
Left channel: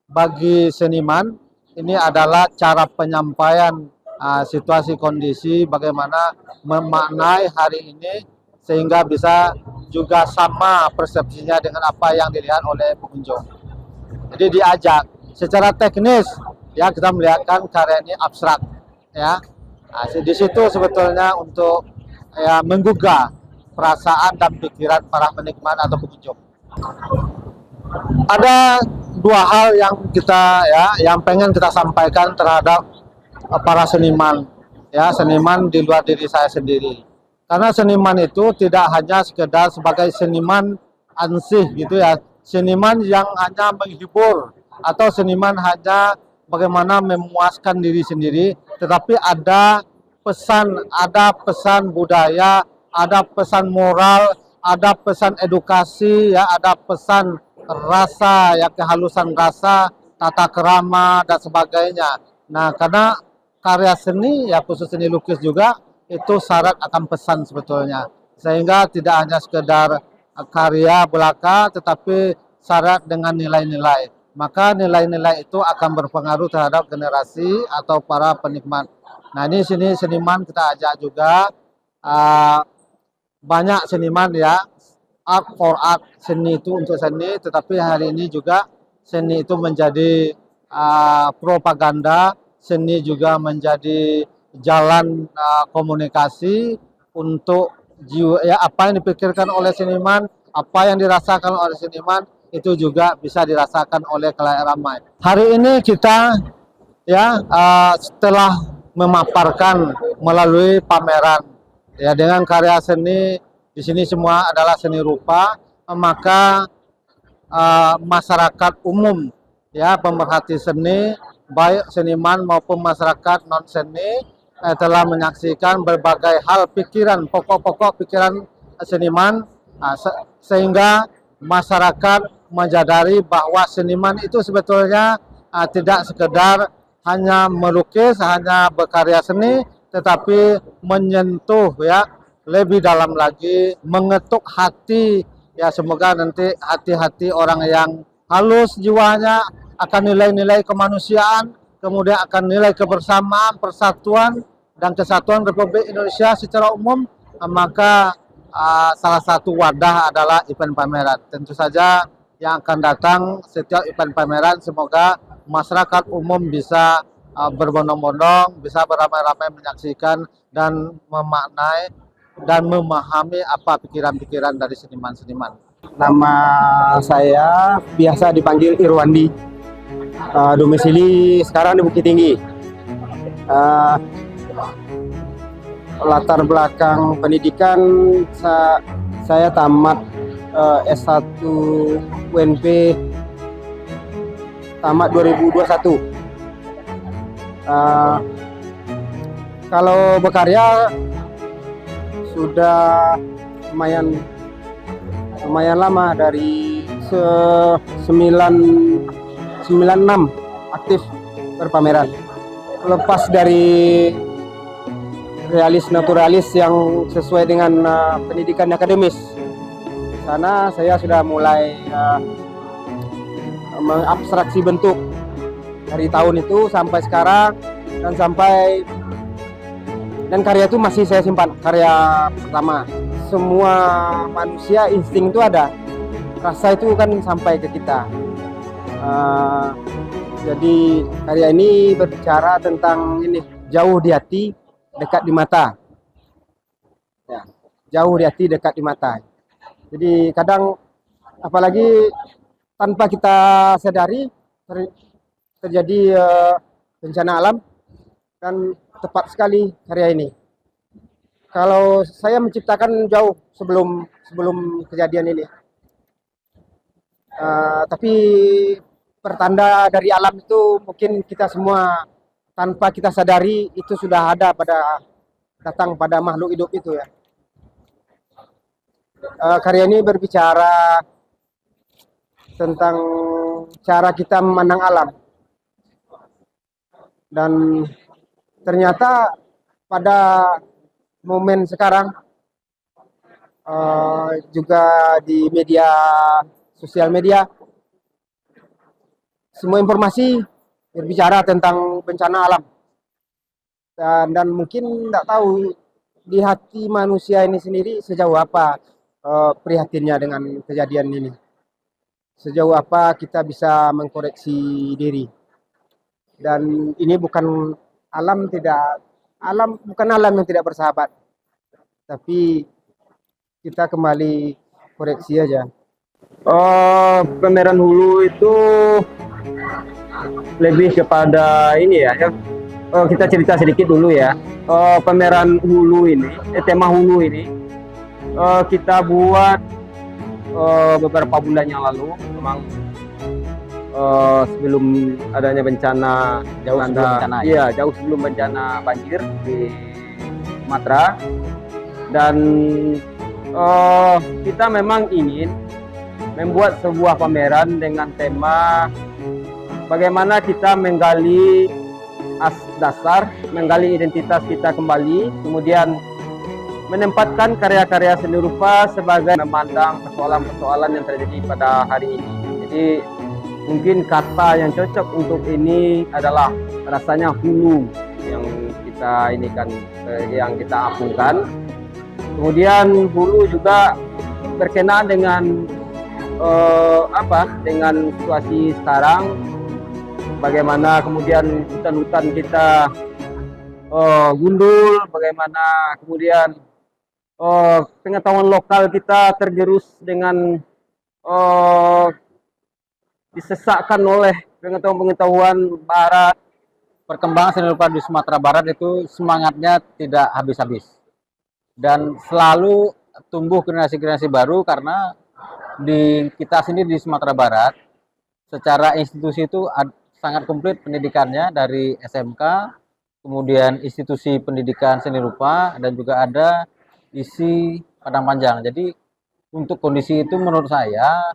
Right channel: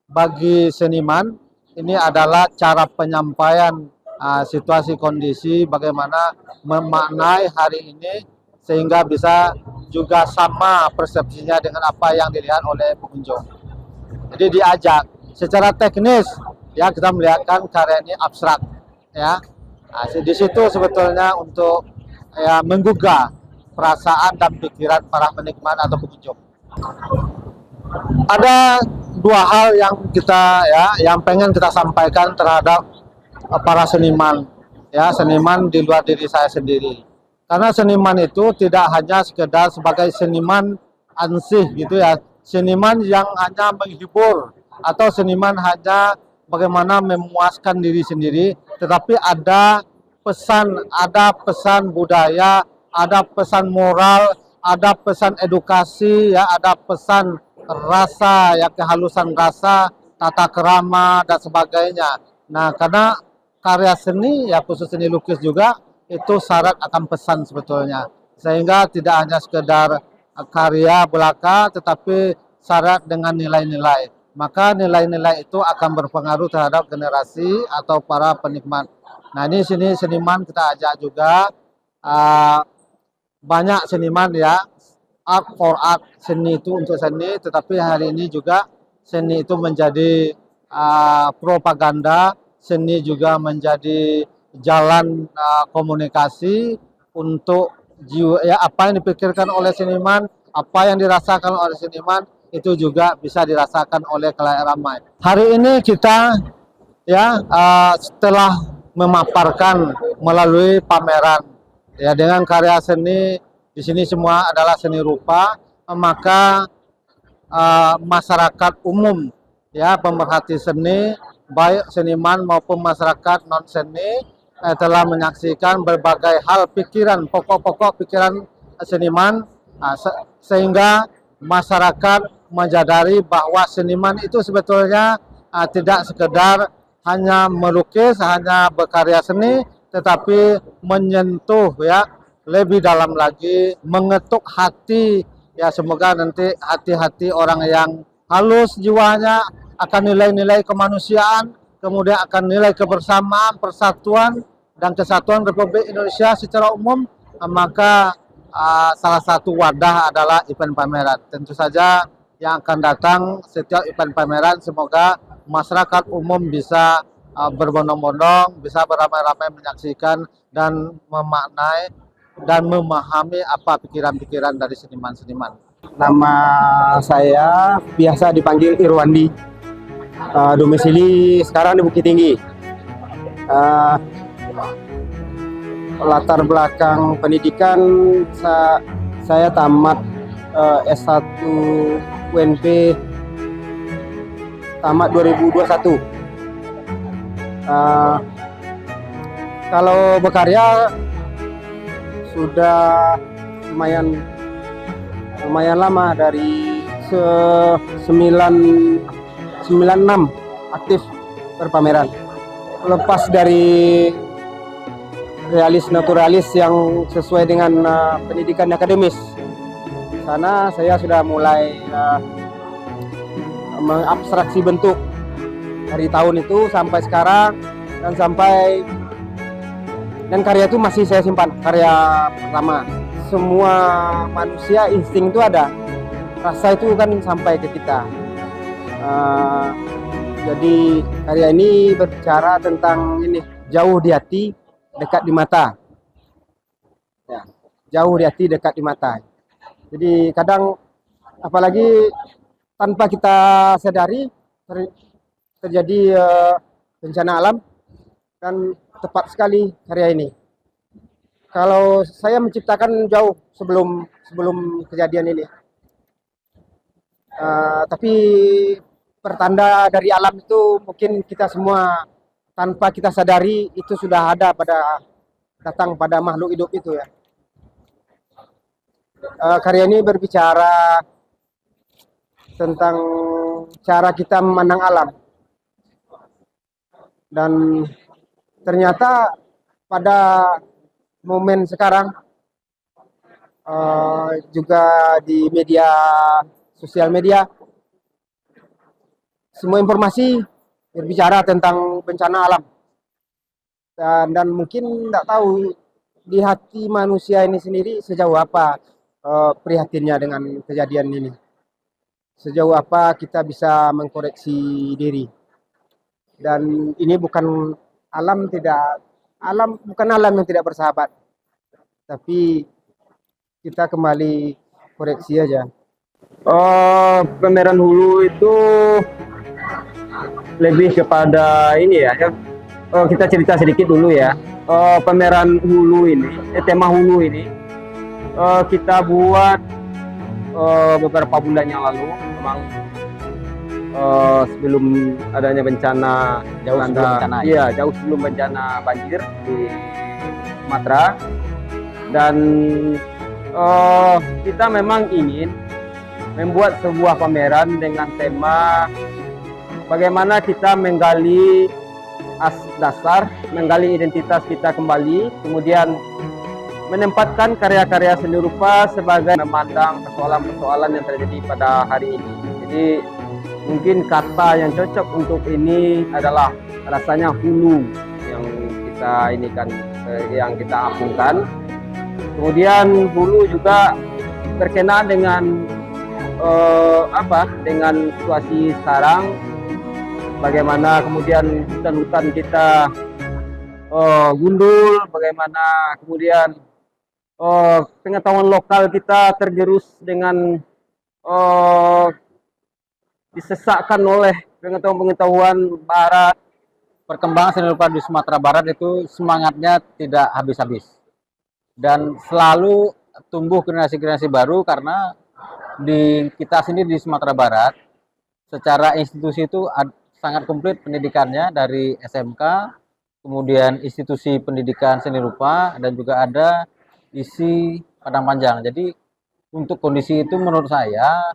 bagi seniman ini adalah cara penyampaian situasi kondisi bagaimana memaknai hari ini sehingga bisa juga sama persepsinya dengan apa yang dilihat oleh pengunjung. Jadi diajak secara teknis ya kita melihatkan karya ini abstrak ya. Di situ sebetulnya untuk ya menggugah perasaan dan pikiran para penikmat atau pengunjung. Ada dua hal yang kita ya yang pengen kita sampaikan terhadap para seniman ya, seniman di luar diri saya sendiri. Karena seniman itu tidak hanya sekedar sebagai seniman ansih gitu ya, seniman yang hanya menghibur atau seniman hanya bagaimana memuaskan diri sendiri, tetapi ada pesan budaya, ada pesan moral, ada pesan edukasi ya, ada pesan rasa ya, kehalusan rasa, tata kerama dan sebagainya. Nah, karena karya seni ya khusus seni lukis juga itu syarat akan pesan sebetulnya, sehingga tidak hanya sekedar karya belaka tetapi syarat dengan nilai-nilai. Maka nilai-nilai itu akan berpengaruh terhadap generasi atau para penikmat. Nah, ini sini seniman kita ajak juga banyak seniman ya, art for art, seni itu untuk seni, tetapi hari ini juga seni itu menjadi propaganda, seni juga menjadi jalan komunikasi untuk jiwa ya, apa yang dipikirkan oleh seniman, apa yang dirasakan oleh seniman itu juga bisa dirasakan oleh khalayak ramai. Hari ini kita ya setelah memaparkan melalui pameran ya dengan karya seni di sini semua adalah seni rupa, maka masyarakat umum ya pemerhati seni baik seniman maupun masyarakat non seni telah menyaksikan berbagai hal pikiran, pokok-pokok pikiran seniman sehingga masyarakat menyadari bahwa seniman itu sebetulnya tidak sekedar hanya melukis, hanya berkarya seni, tetapi menyentuh ya lebih dalam lagi, mengetuk hati ya, semoga nanti hati-hati orang yang halus jiwanya akan nilai-nilai kemanusiaan, kemudian akan nilai kebersamaan, persatuan dan kesatuan Republik Indonesia secara umum, maka salah satu wadah adalah event pameran. Tentu saja yang akan datang setiap event pameran semoga masyarakat umum bisa berbondong-bondong, bisa beramai-ramai menyaksikan dan memaknai dan memahami apa pikiran-pikiran dari seniman-seniman. Nama saya biasa dipanggil Irwandi, domisili sekarang di Bukit Tinggi. Latar belakang pendidikan saya tamat S1 UNP tamat 2021. Kalau berkarya sudah lumayan lama, dari 96 aktif berpameran. Lepas dari realis naturalis yang sesuai dengan pendidikan akademis, di sana saya sudah mulai mengabstraksi bentuk dari tahun itu sampai sekarang, dan karya itu masih saya simpan, karya pertama. Semua manusia insting itu ada, rasa itu kan sampai ke kita. Jadi karya ini berbicara tentang ini, jauh di hati, dekat di mata. Ya, jauh di hati, dekat di mata. Jadi kadang apalagi tanpa kita sadari terjadi bencana alam, dan tepat sekali karya ini. Kalau saya menciptakan jauh sebelum kejadian ini, tapi pertanda dari alam itu mungkin kita semua tanpa kita sadari itu sudah ada datang pada makhluk hidup itu ya. Karya ini berbicara tentang cara kita memandang alam. Dan ternyata pada momen sekarang juga di sosial media, semua informasi berbicara tentang bencana alam. Dan mungkin tidak tahu di hati manusia ini sendiri sejauh apa prihatinnya dengan kejadian ini. Sejauh apa kita bisa mengkoreksi diri. Dan ini bukan alam yang tidak bersahabat, tapi kita kembali koreksi aja. Pameran Hulu itu lebih kepada ini ya. Kita cerita sedikit dulu ya. Pameran Hulu ini, tema Hulu ini kita buat beberapa bulan yang lalu, memang sebelum adanya bencana, jauh sebelum bencana banjir di Sumatera. Dan kita memang ingin membuat sebuah pameran dengan tema bagaimana kita menggali dasar, menggali identitas kita kembali, kemudian menempatkan karya-karya seni rupa sebagai memandang persoalan-persoalan yang terjadi pada hari ini. Jadi mungkin kata yang cocok untuk ini adalah rasanya hulu yang kita yang kita apungkan. Kemudian hulu juga berkenaan dengan dengan situasi sekarang, bagaimana kemudian hutan-hutan kita gundul, bagaimana kemudian pengetahuan lokal kita tergerus dengan disesakkan oleh pengetahuan barat. Perkembangan seni rupa di Sumatera Barat itu semangatnya tidak habis-habis. Dan selalu tumbuh generasi-generasi baru karena kita sendiri di Sumatera Barat secara institusi itu sangat komplit pendidikannya dari SMK, kemudian institusi pendidikan seni rupa, dan juga ada isi Padang Panjang. Jadi untuk kondisi itu menurut saya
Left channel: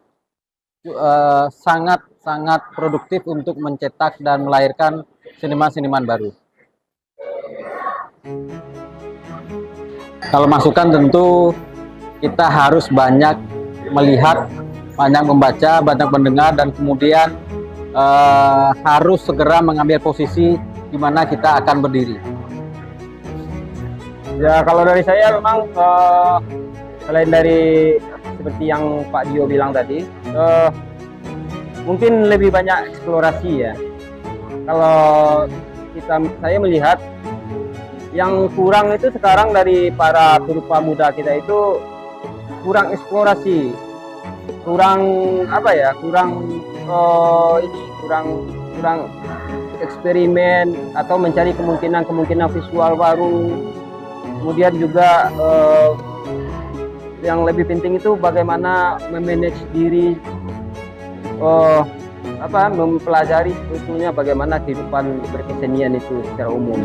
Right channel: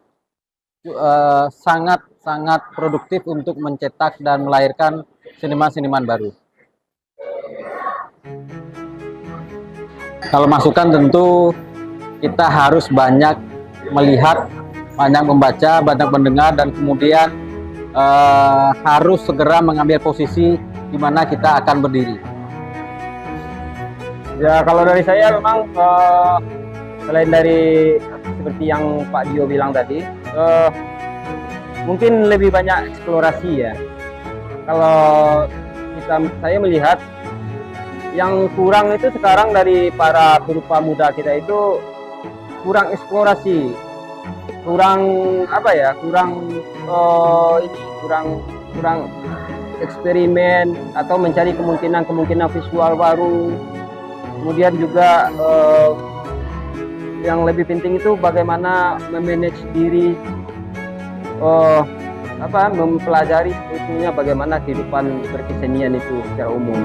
sangat produktif untuk mencetak dan melahirkan seniman-seniman baru. Kalau masukan tentu kita harus banyak melihat, banyak membaca, banyak mendengar, dan kemudian harus segera mengambil posisi di mana kita akan berdiri. Ya, kalau dari saya memang selain dari seperti yang Pak Dio bilang tadi, mungkin lebih banyak eksplorasi ya. Kalau saya melihat yang kurang itu sekarang dari para perupa muda kita itu kurang eksplorasi, kurang eksperimen atau mencari kemungkinan visual baru. Kemudian juga yang lebih penting itu bagaimana memanage diri, mempelajari sebetulnya bagaimana kehidupan berkesenian itu secara umum.